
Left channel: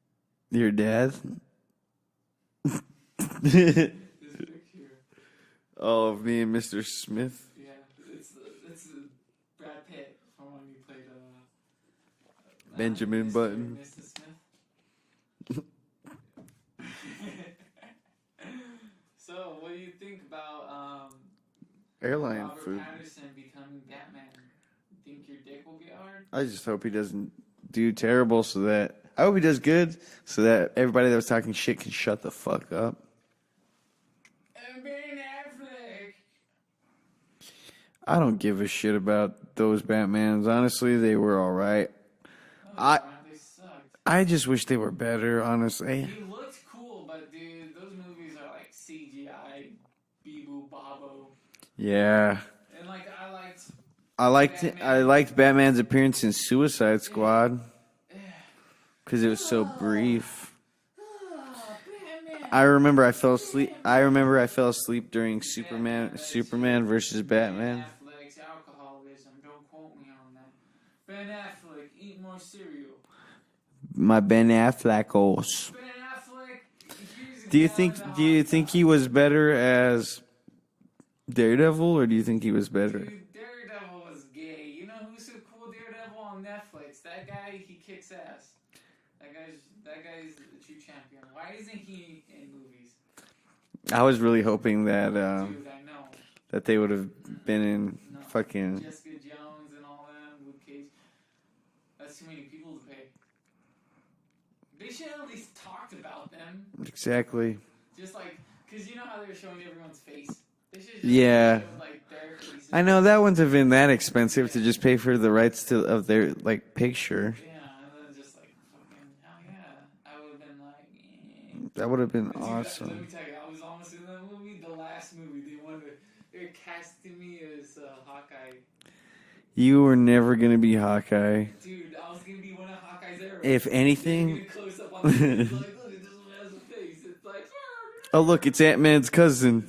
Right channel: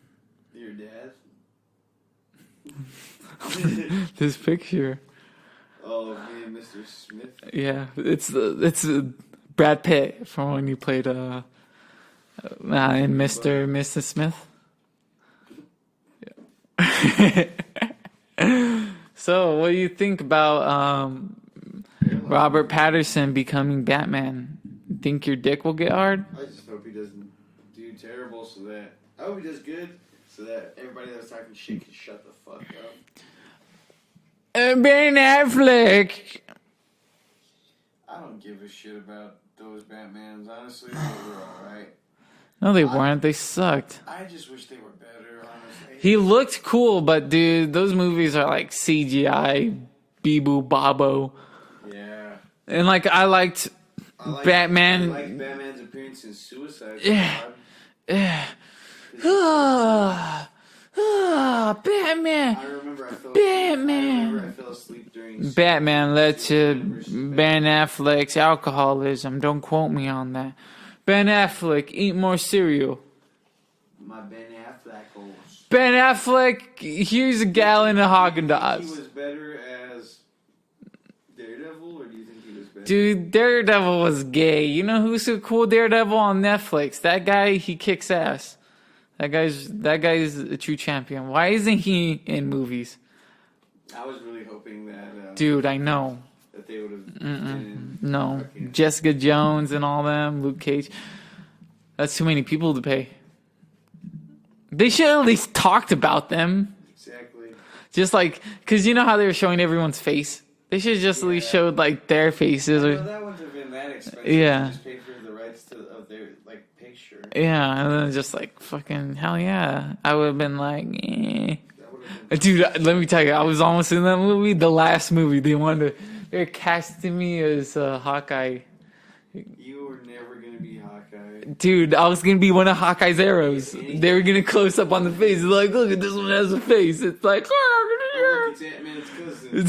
Your dad? this picture. Oh, me and Mr. Smith. Yeah, it's Brad Pitt from when you played in Benjamin Mr. Smith. So, what do you think about Robert Pattinson becoming Batman? Think your dick will get hard? I just hope he doesn't do terrible I hope he does good so that everybody that was talking shit can shut the fuck up. Ben Affleck. I don't give a shit about those Batmans. Honestly, they were alright. No, they weren't. They sucked. I just wish they were better, honestly. He looked cool, but dude, those movies are like CGI, Bee-boo Babo. Yeah. And like I liked Batman. I liked Batman's appearance in Suicide Squad. Because it was so brief. Batman. I remember I fell asleep. Batman. I remember I fell asleep during Batman led Superman to versus Ben Batman. Affleck's alcoholism. Don't quote me on that. Ben Affleck, eat more cereal. My Ben Affleck. Ben Affleck, here's a gallon of Haagen-Dazs. Do you think he was better as Daredevil, or do you think he was better? Dude, Daredevil was gay. You know who's a cool Daredevil on Netflix? That guy, he kicks ass. That guy's a true champion. Why isn't he in movies? I was really hoping that, Dude, I know. that they would have been in fucking Jessica Jones and all them, Luke Cage. That's too many people to pay. They should at least talked about them. exactly. Just like, because you know how they were showing everyone's face? They should have just at least showed like their faces. I know that wouldn't have been that expensive Yeah. to just pay for the rights of their like picture. Yeah, and then just like fucking hell yeah. I would have been like, eh. That would have been Dude, awesome. let me tell you, I was almost in that movie. The last movie, they're casting me as Hawkeye. You were never gonna be Hawkeye. Dude, I was gonna be one of Hawkeye's arrows. If anything- they were gonna close up on the face. It's like, look at this one has a face. It's like, Oh look, it's Ant-Man's cousin. They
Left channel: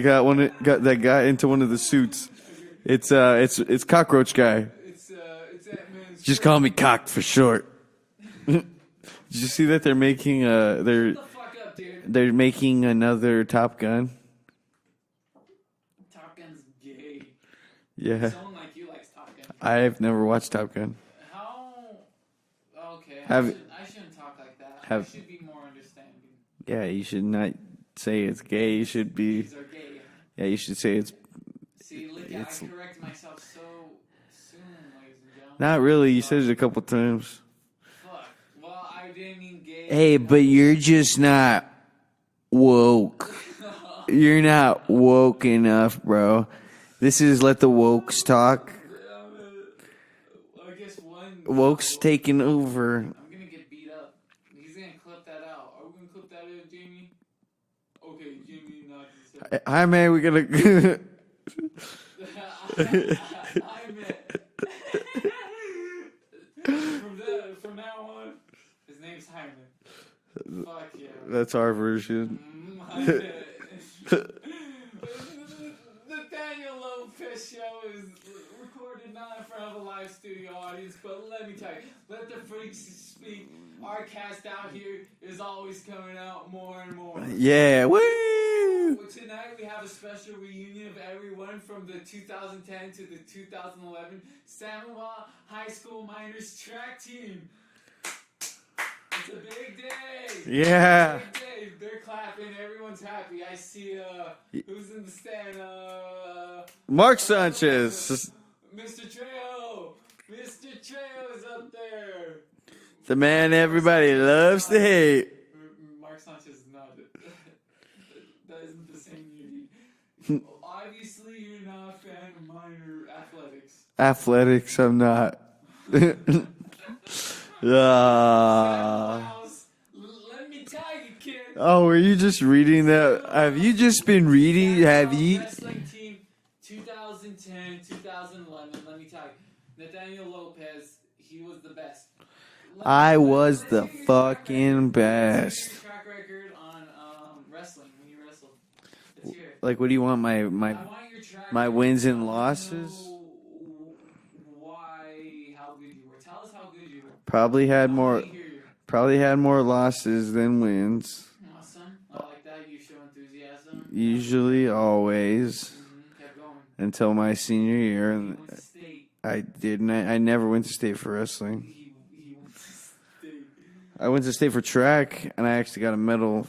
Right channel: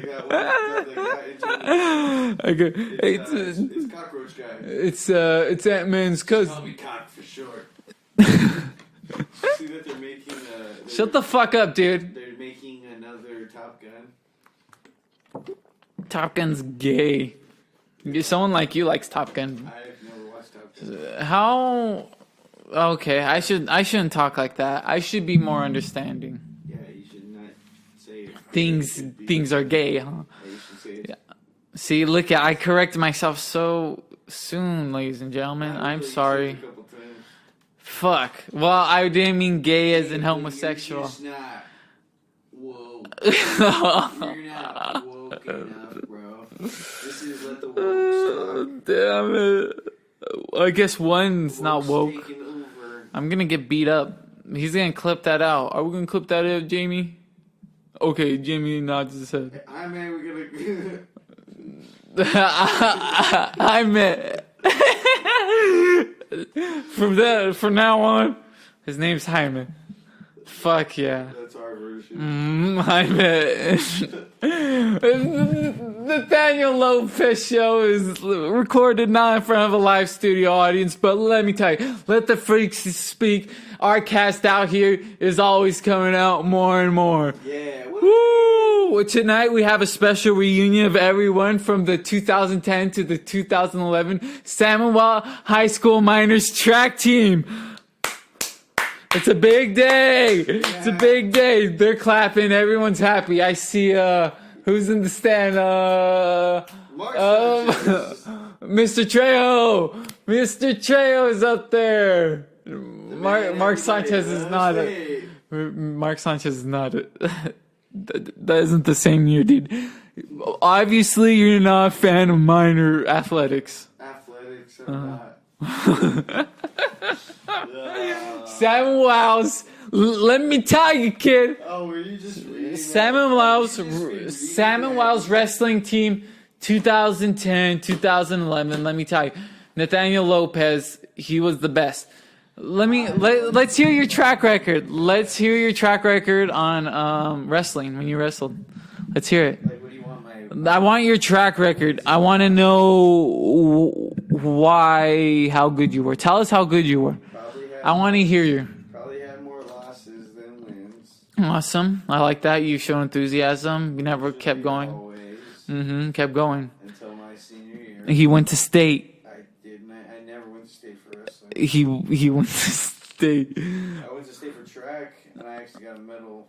that got into one of the suits. It's Cockroach Guy. It's Ant-Man's Just cousin. call me Cock for short. Did you see that they're making Shut the fuck up, dude. they're making another Top Gun? Top Gun's gay. Yeah. Someone like you likes Top Gun. I've never watched Top Gun. How? Okay, I shouldn't talk like that. I should be more understanding. Yeah, you should not say it's gay. You should be. Things are gay, huh? Yeah, you should say it's. See, look, I corrected myself so soon, ladies and gentlemen. Not really. I'm You said sorry. it a couple times. Fuck. Well, I didn't mean gay as Hey, in but homosexual. you're just not woke. You're not woke enough, bro. This is let the wokes talk. Damn it. I guess one's not Woke's woke. taking over. I'm gonna get beat up. He's gonna clip that out. Are we gonna clip that out, Jamie? Okay, Jamie nods his head. Hi, man. We gotta. I meant from now on, his name's Hyman. Fuck yeah. That's our version. Hyman. Nathaniel Lopez show is recorded not in front of a live studio audience, but let me tell you, let the freaks speak. Our cast out here is always coming out more and more. Yeah. Woo! Well, tonight we have a special reunion of everyone from the 2010 to the 2011 Samuel High School Miners track team. It's a big day. Yeah. It's a big day. They're clapping. Everyone's happy. I see who's in the stand? Mark Sanchez. Mr. Trejo. Mr. Trejo is up there. The man Mark everybody Sanchez is loves not to hate. Mark Sanchez is not that isn't the same year, dude. Obviously, you're not a fan of minor athletics. Athletics, I'm not. Seven Wows. Let me tell you, kid. Oh, were you just reading that? Seven Wows. Have you just been reading? Seven Have Wows you- wrestling team, 2010, 2011. Let me tell you, Nathaniel Lopez, he was the best. Let's the hear your track fucking record. Let's hear best. your track record on wrestling when you wrestled. Let's hear it. Like, what do you want? My I want your track my record. wins and I want to losses? know how good you were. Tell us how good you were. probably had. I want to more- hear you. Probably had more losses than wins. Awesome. I like that. You show enthusiasm. You never Usually, kept going. always Kept going. until my senior year. He went to state. I didn't. I never went to state for wrestling. He went to state. I went to state for track, and I actually got a medal,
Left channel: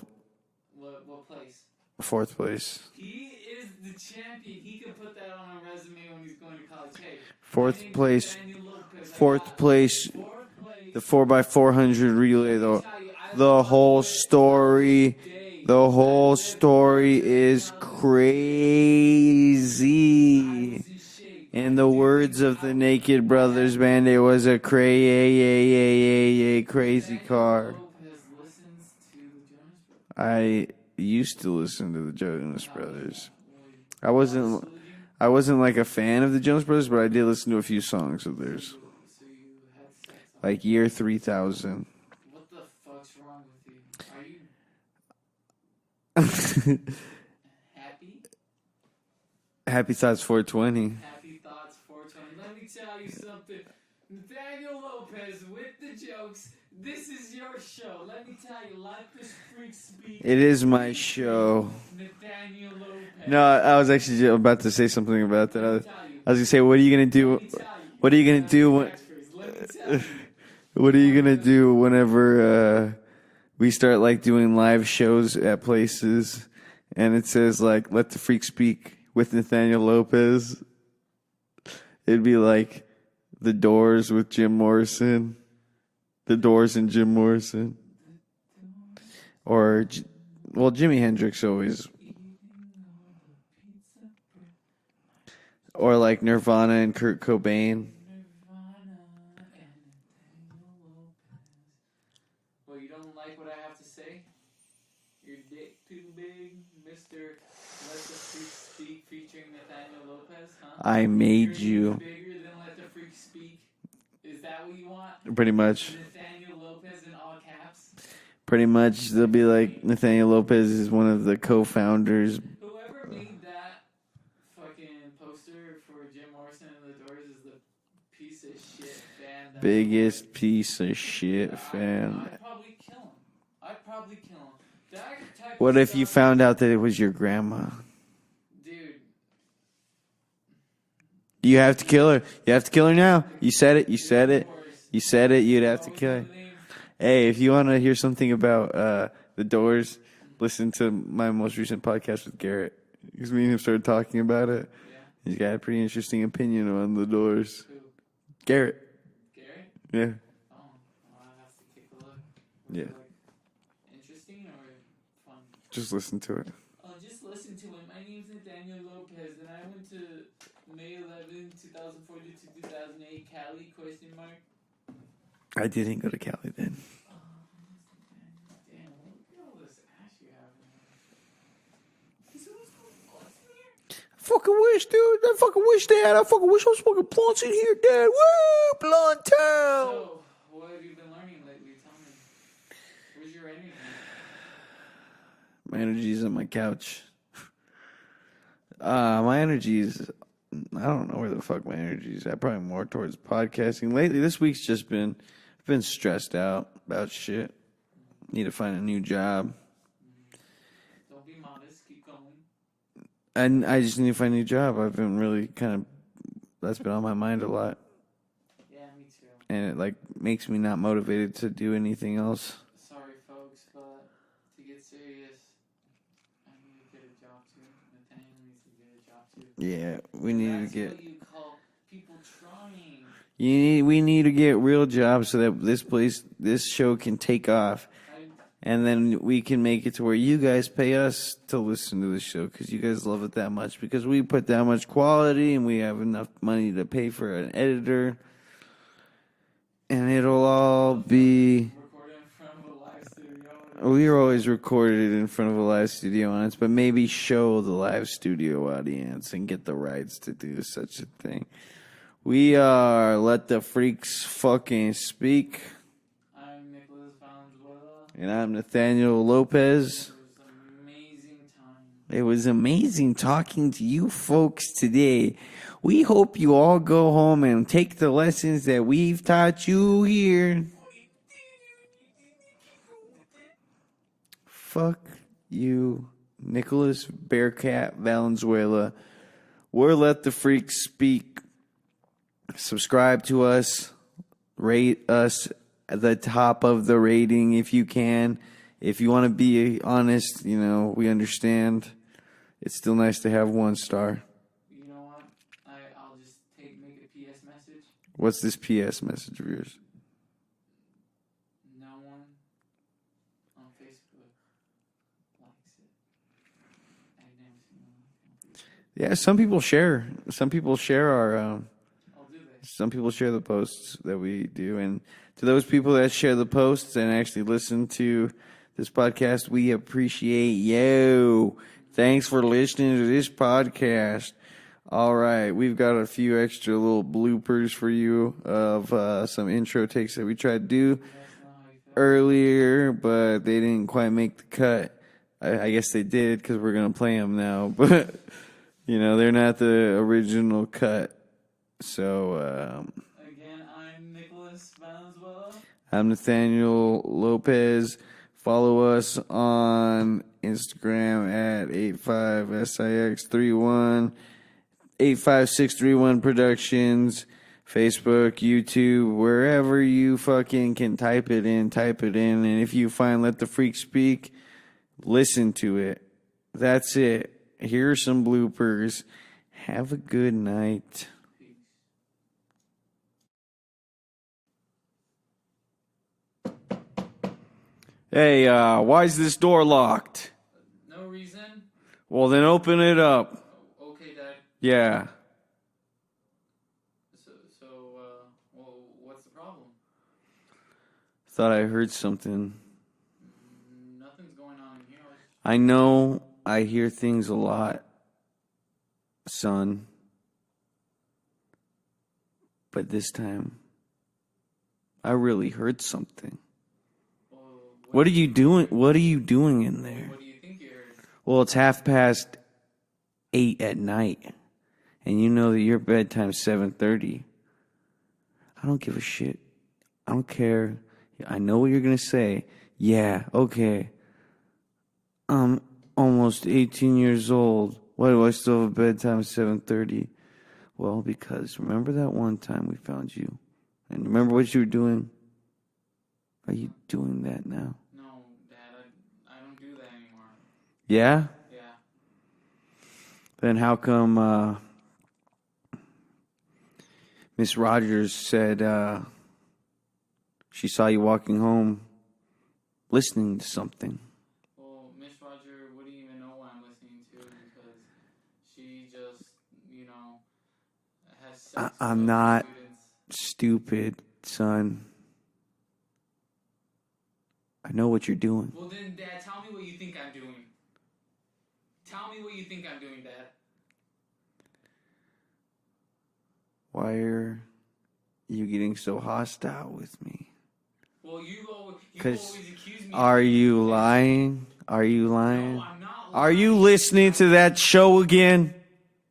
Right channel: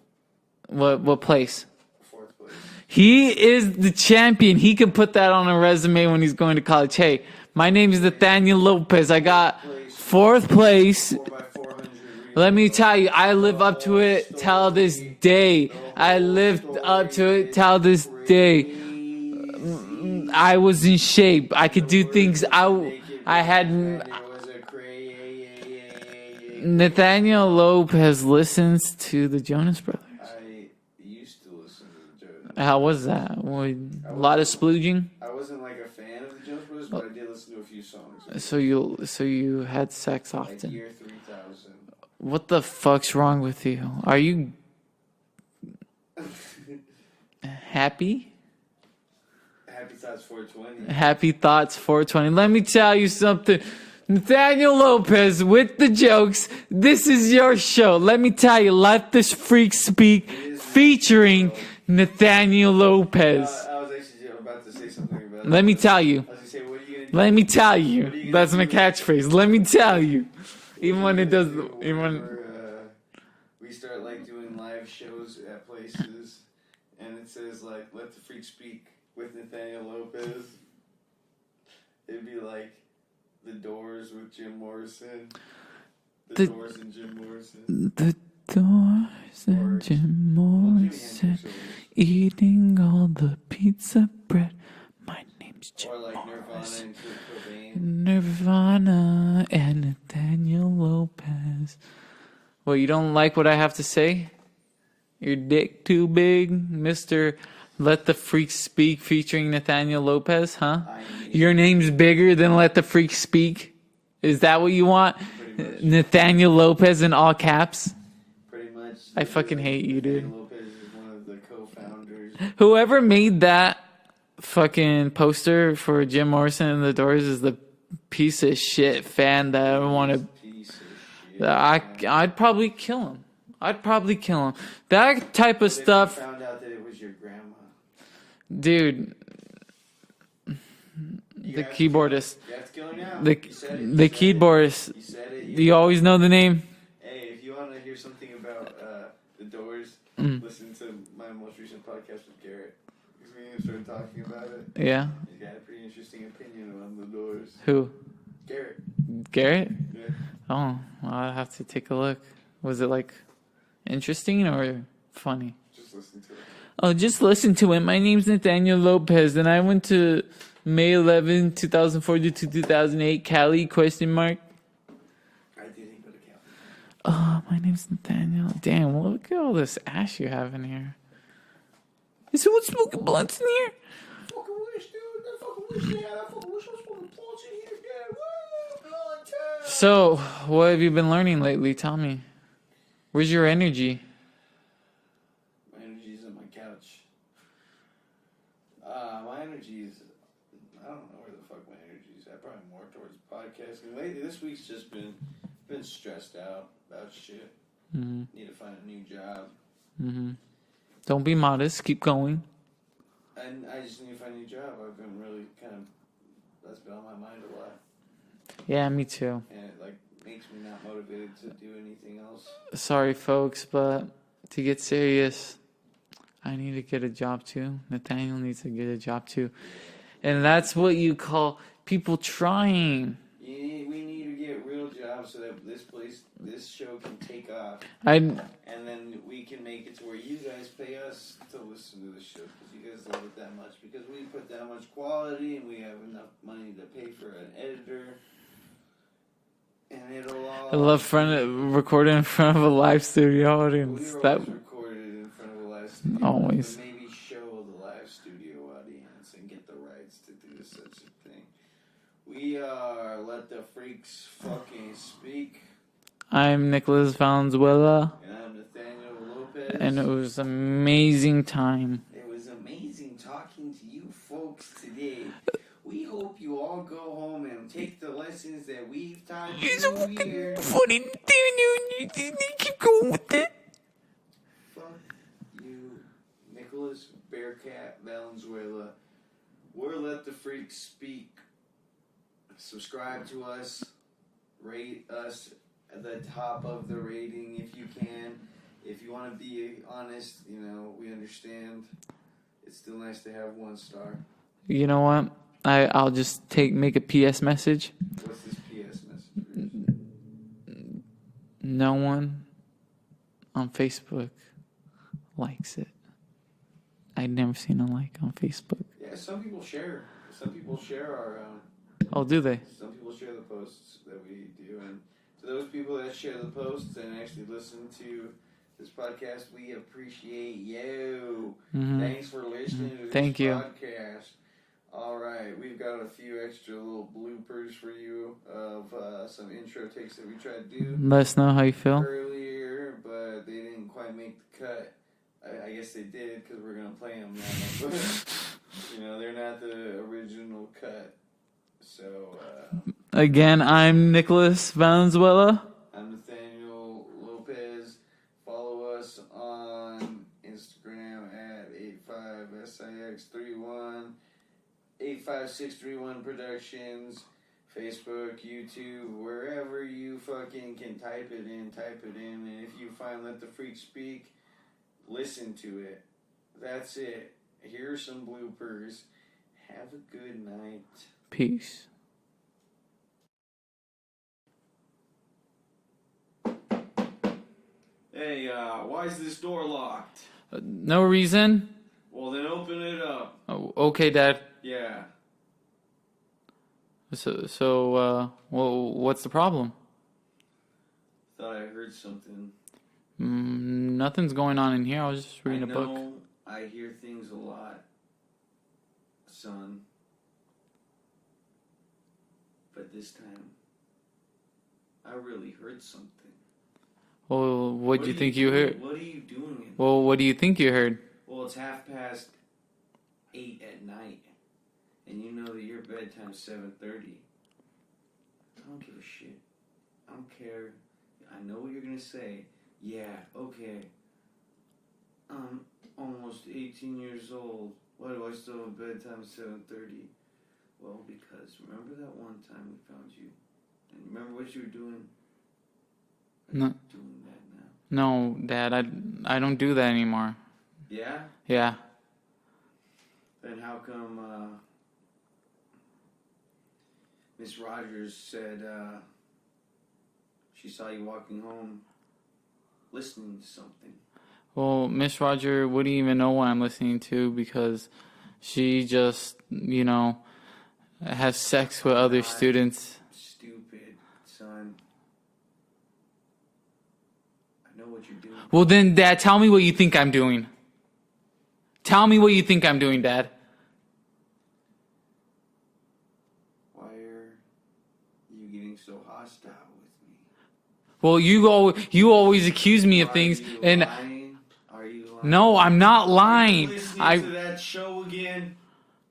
What place? 4th place. He is the champion. He can put that on a resume when he's going to college. Hey, my Fourth name is place. Nathaniel Lopez. I 4th got place. 4th place. 4x400 relay. Let me The- tell you, I the live up to whole it till this story- day. The whole I lived story up to it is till this day. crazy. I was in shape. I In could the do words things. of the Naked Brothers band, it was a crazy Nathaniel car. Lopez listens to the Jonas Brothers. I used to listen to the Jonas How was Brothers. that? I A lot of wasn't- splooging. I wasn't like a fan of the Jonas Brothers, but I did listen to a few songs of theirs. So you had sex often. like year 3000. What the fuck's wrong with you? Are you happy? Happy Thoughts 420. Happy Thoughts 420. Let me tell you something. Nathaniel Lopez with the jokes. This is your show. Let me tell you, Let This Freak Speak. It is my featuring show. Nathaniel Lopez. No, I was actually about to say something about that. Let me tell you. I was going to say, what are you going to do? Let me tell you. What are you going to do? That's my catchphrase. Let me tell you. What are Even you when it going to does- do even when- whenever we start like doing live shows at places and it says like, Let the Freak Speak with Nathaniel Lopez? It'd be like The Doors with Jim Morrison. The Doors and Jim Morrison. The Doors. Or, and Jim well, Jimi Morrison Hendrix always. Eating all the pizza bread. My name's Jim Or like Nirvana and Kurt Cobain. Nirvana and Nathaniel Lopez. Well, you don't like what I have to say? Your dick too big, Mr. Let the Freak Speak featuring Nathaniel Lopez, huh? I made Your name's you. bigger than Let the Freak Speak? Is that what you want? Pretty much. Nathaniel Lopez in all caps? Pretty much. They'll be fucking like, hate you, Nathaniel dude. Lopez is one of the co-founders. Whoever made that fucking poster for Jim Morrison and the Doors is the piece of shit fan that I want to. Biggest piece of shit. I'd probably kill him. That type of What if you stuff, found out that it was your grandma? dude. You have to kill her. keyboardist. You have to kill her now. You said it. You The said it. keyboardist. You said it. You always know the name. Hey, if you want to hear something about the Doors, Mm. listen to my most recent podcast with Garrett. Because me and him started talking about it. Yeah. He's got a pretty interesting opinion on the Doors. Who? Garrett. Garrett? Yeah. Oh, I'll have to take a look. Was it like interesting or funny? Just listen to it. Oh, just listen to it. My name's Nathaniel Lopez, and I went to May 11, 2004 to 2008, Cali, question mark. I didn't go to Cali then. Oh, my name's Nathaniel. Damn, well, look at all this ash you have in here. Is someone smoking blunts in here? Fucking wish, dude. I fucking wish, Dad. I fucking wish I was smoking blunts in here, Dad. Woo! Blunt time. So, what have you been learning lately? Tell me. Where's your energy? My energy's on my couch. My energy's... I don't know where the fuck my energy's at. Probably more towards podcasting. Lately, this week's just been stressed out about shit. Mm-hmm. Need to find a new job. Mm-hmm. Don't be modest. Keep going. And I just need to find a new job. I've been really that's been on my mind a lot. Yeah, me too. And it like makes me not motivated to do anything else. Sorry, folks, but to get serious, I need to get a job too. Nathaniel needs to get a job too. Yeah. And that's what you call people trying. We need to get real jobs so that this show can take off. And then we can make it to where you guys pay us to listen to the show because you guys love it that much. Because we put that much quality and we have enough money to pay for an editor. And it'll all recording in front of a live studio audience. We are always recorded in front of a live studio audience, Always. but maybe show the live studio audience and get the rights to do such a thing. We are Let the Freaks Fucking Speak. I'm Nicholas Valenzuela. And I'm Nathaniel Lopez. And it was an amazing time. It was amazing talking to you folks today. We hope you all go home and take the lessons that we've taught you here. Funny Nathaniel. Keep going with it. Fuck you, Nicholas Bearcat Valenzuela. We're Let the Freaks Speak. Subscribe to us. Rate us at the top of the rating if you can. If you want to be honest, we understand. It's still nice to have 1 star. You know what? I'll just make a PS message. What's this PS message of yours? No one on Facebook likes it. I'd never seen a like on Facebook. Yeah, some people share. Some people share our... Oh, do they? Some people share the posts that we do. And to those people that share the posts and actually listen to this podcast, we appreciate you. Mm-hmm. Thanks for listening to this podcast. All right, we've got a few extra little bloopers for you of some intro takes that we tried to do Let us know how you feel. earlier, but they didn't quite make the cut. I guess they did because we're going to play them now, but, they're not the original cut. So, Again, I'm Nicholas Valenzuela. I'm Nathaniel Lopez. Follow us on Instagram at 85SIX31, 85631 Productions, Facebook, YouTube, wherever you fucking can type it in. And if you find Let the Freak Speak, listen to it. That's it. Here are some bloopers. Have a good night. Peace. Hey, why is this door locked? No reason? Well, then open it up. Oh, okay, Dad. Yeah. So, what's the problem? Thought I heard something. Nothing's going on in here. I was just. I know I hear things a lot, son. But this time, I really heard something. Well, What are you doing? What are you doing in there? Well, what do you think you heard? Well, it's 8:30 at night, and you know that your bedtime's 7:30. I don't give a shit. I don't care. I know what you're gonna say. Yeah, okay. I'm almost 18 years old. Why do I still have a bedtime at 7:30? Well, because remember that one time we found you, and remember what you were doing. Are you doing that now? No, Dad. I don't do that anymore. Yeah? Yeah. Then how come Miss Rogers said she saw you walking home listening to something? Well, Miss Roger wouldn't even know what I'm listening to because she just, has sex with other students. Stupid, son. I know what you're doing. Well, then, Dad, tell me what you think I'm doing. Tell me what you think I'm doing, Dad. Why are you getting so hostile with me? Well, you always accuse me of things. Are you lying? Are you lying? No, I'm not lying. Are you listening to that show again?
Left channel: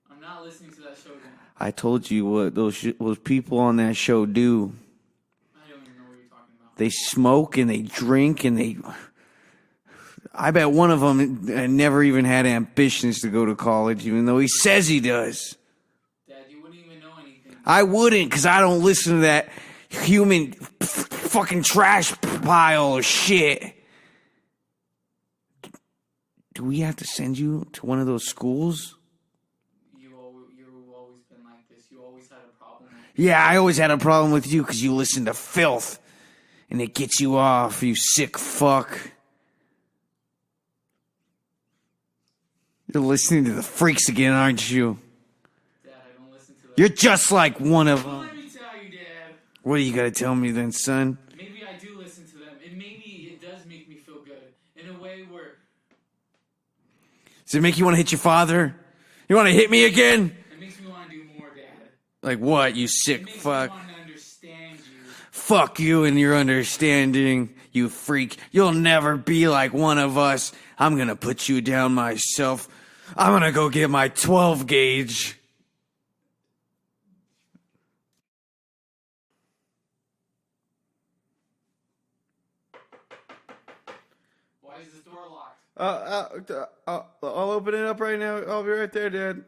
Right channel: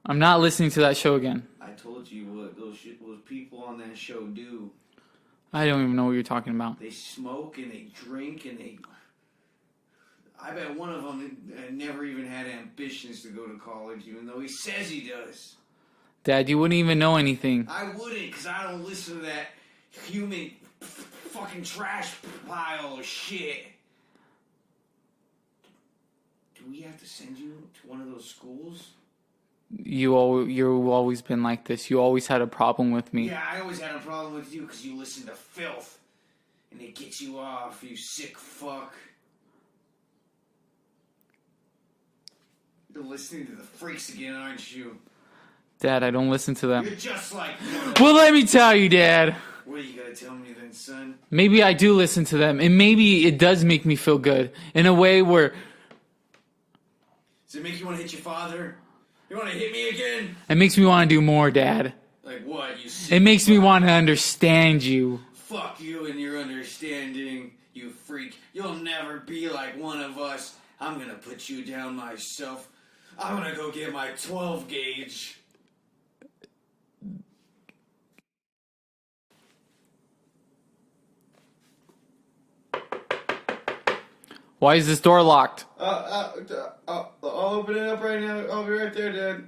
I'm not listening to that show again. I told you what those people on that show do. I don't even know what you're talking about. They smoke and they drink and they... I bet one of them never even had ambitions to go to college, even though he says he does. Dad, you wouldn't even know anything. I wouldn't, because I don't listen to that human fucking trash pile of shit. Do we have to send you to one of those schools? You've always been like this. You always had a problem with me. Yeah, I always had a problem with you because you listen to filth. And it gets you off, you sick fuck. You're listening to the freaks again, aren't you? Dad, I don't listen to that. You're just like one of Well, let me tell you, Dad. What do you got to tell me then, son? Maybe I do listen to them. And maybe it does make me feel good. In a way where... Does it make you want to hit your father? You want to hit me again? It makes me want to do more, Dad. Like what, you sick It makes fuck? me want to understand you. Fuck you and your understanding, you freak. You'll never be like one of us. I'm gonna put you down myself. I'm gonna go get my 12 gauge. Why is this door locked? I'll open it up right now. I'll be right there, Dad.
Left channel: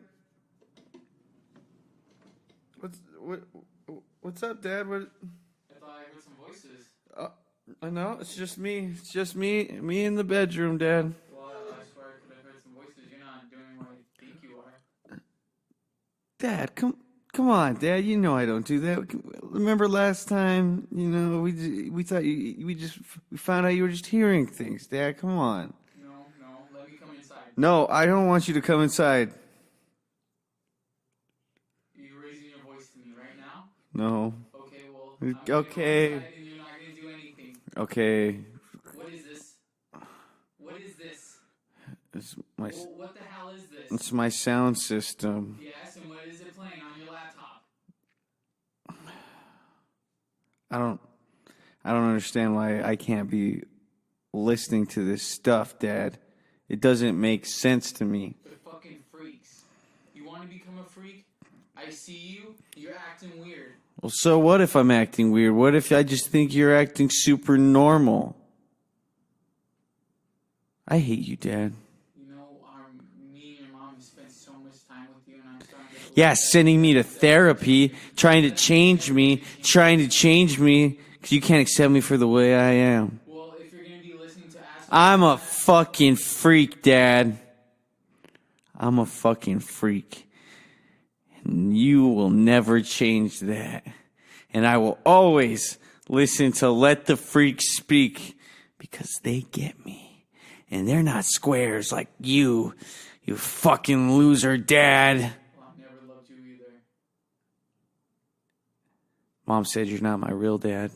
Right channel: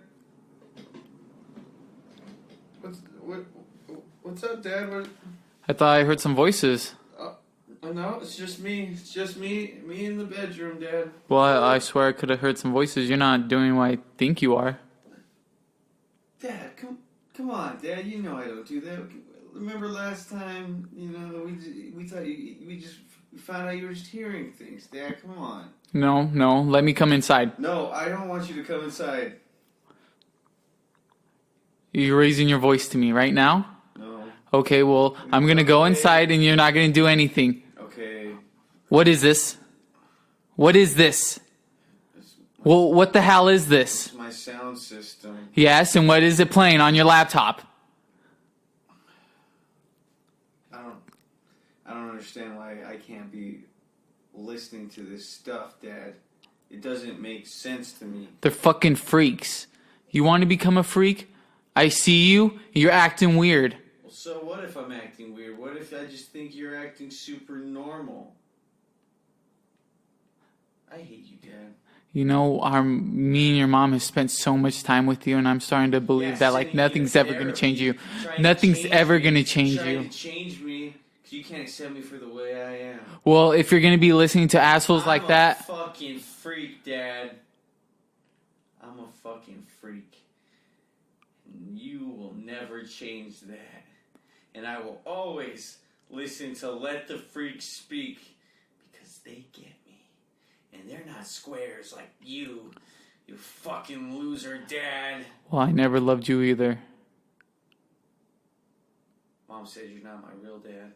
What's up, Dad? I thought I heard some voices. No, it's just me. It's just me in the bedroom, Dad. Well, I swear I could have heard some voices. You're not doing what I think you are. Dad, come on, Dad. You know I don't do that. Remember last time? We thought we found out you were just hearing things, Dad. Come on. No, let me come inside. No, I don't want you to come inside. You're raising your voice to me right now? No. Okay, well, I'm going to go inside and you're not going to do anything. Okay. What is this? What is this? It's Well, what the hell is this? It's my sound system. Yes, and what is it playing on your laptop? I don't understand why I can't be listening to this stuff, Dad. It doesn't make sense to me. They're fucking freaks. You want to become a freak? I see you. You're acting weird. Well, so what if I'm acting weird? What if I just think you're acting super normal? I hate you, Dad. You know, me and your mom have spent so much time with you, and I'm starting to believe that sending me to therapy, trying to change me, trying to change me, because you can't accept me for the way I am. Well, if you're going to be listening to assholes I'm like a that... fucking freak, Dad. I'm a fucking freak. And you will never change that. And I will always listen to Let the Freaks Speak, because they get me. And they're not squares like you fucking loser, Dad. Well, I never loved you either. Mom said you're not my real dad.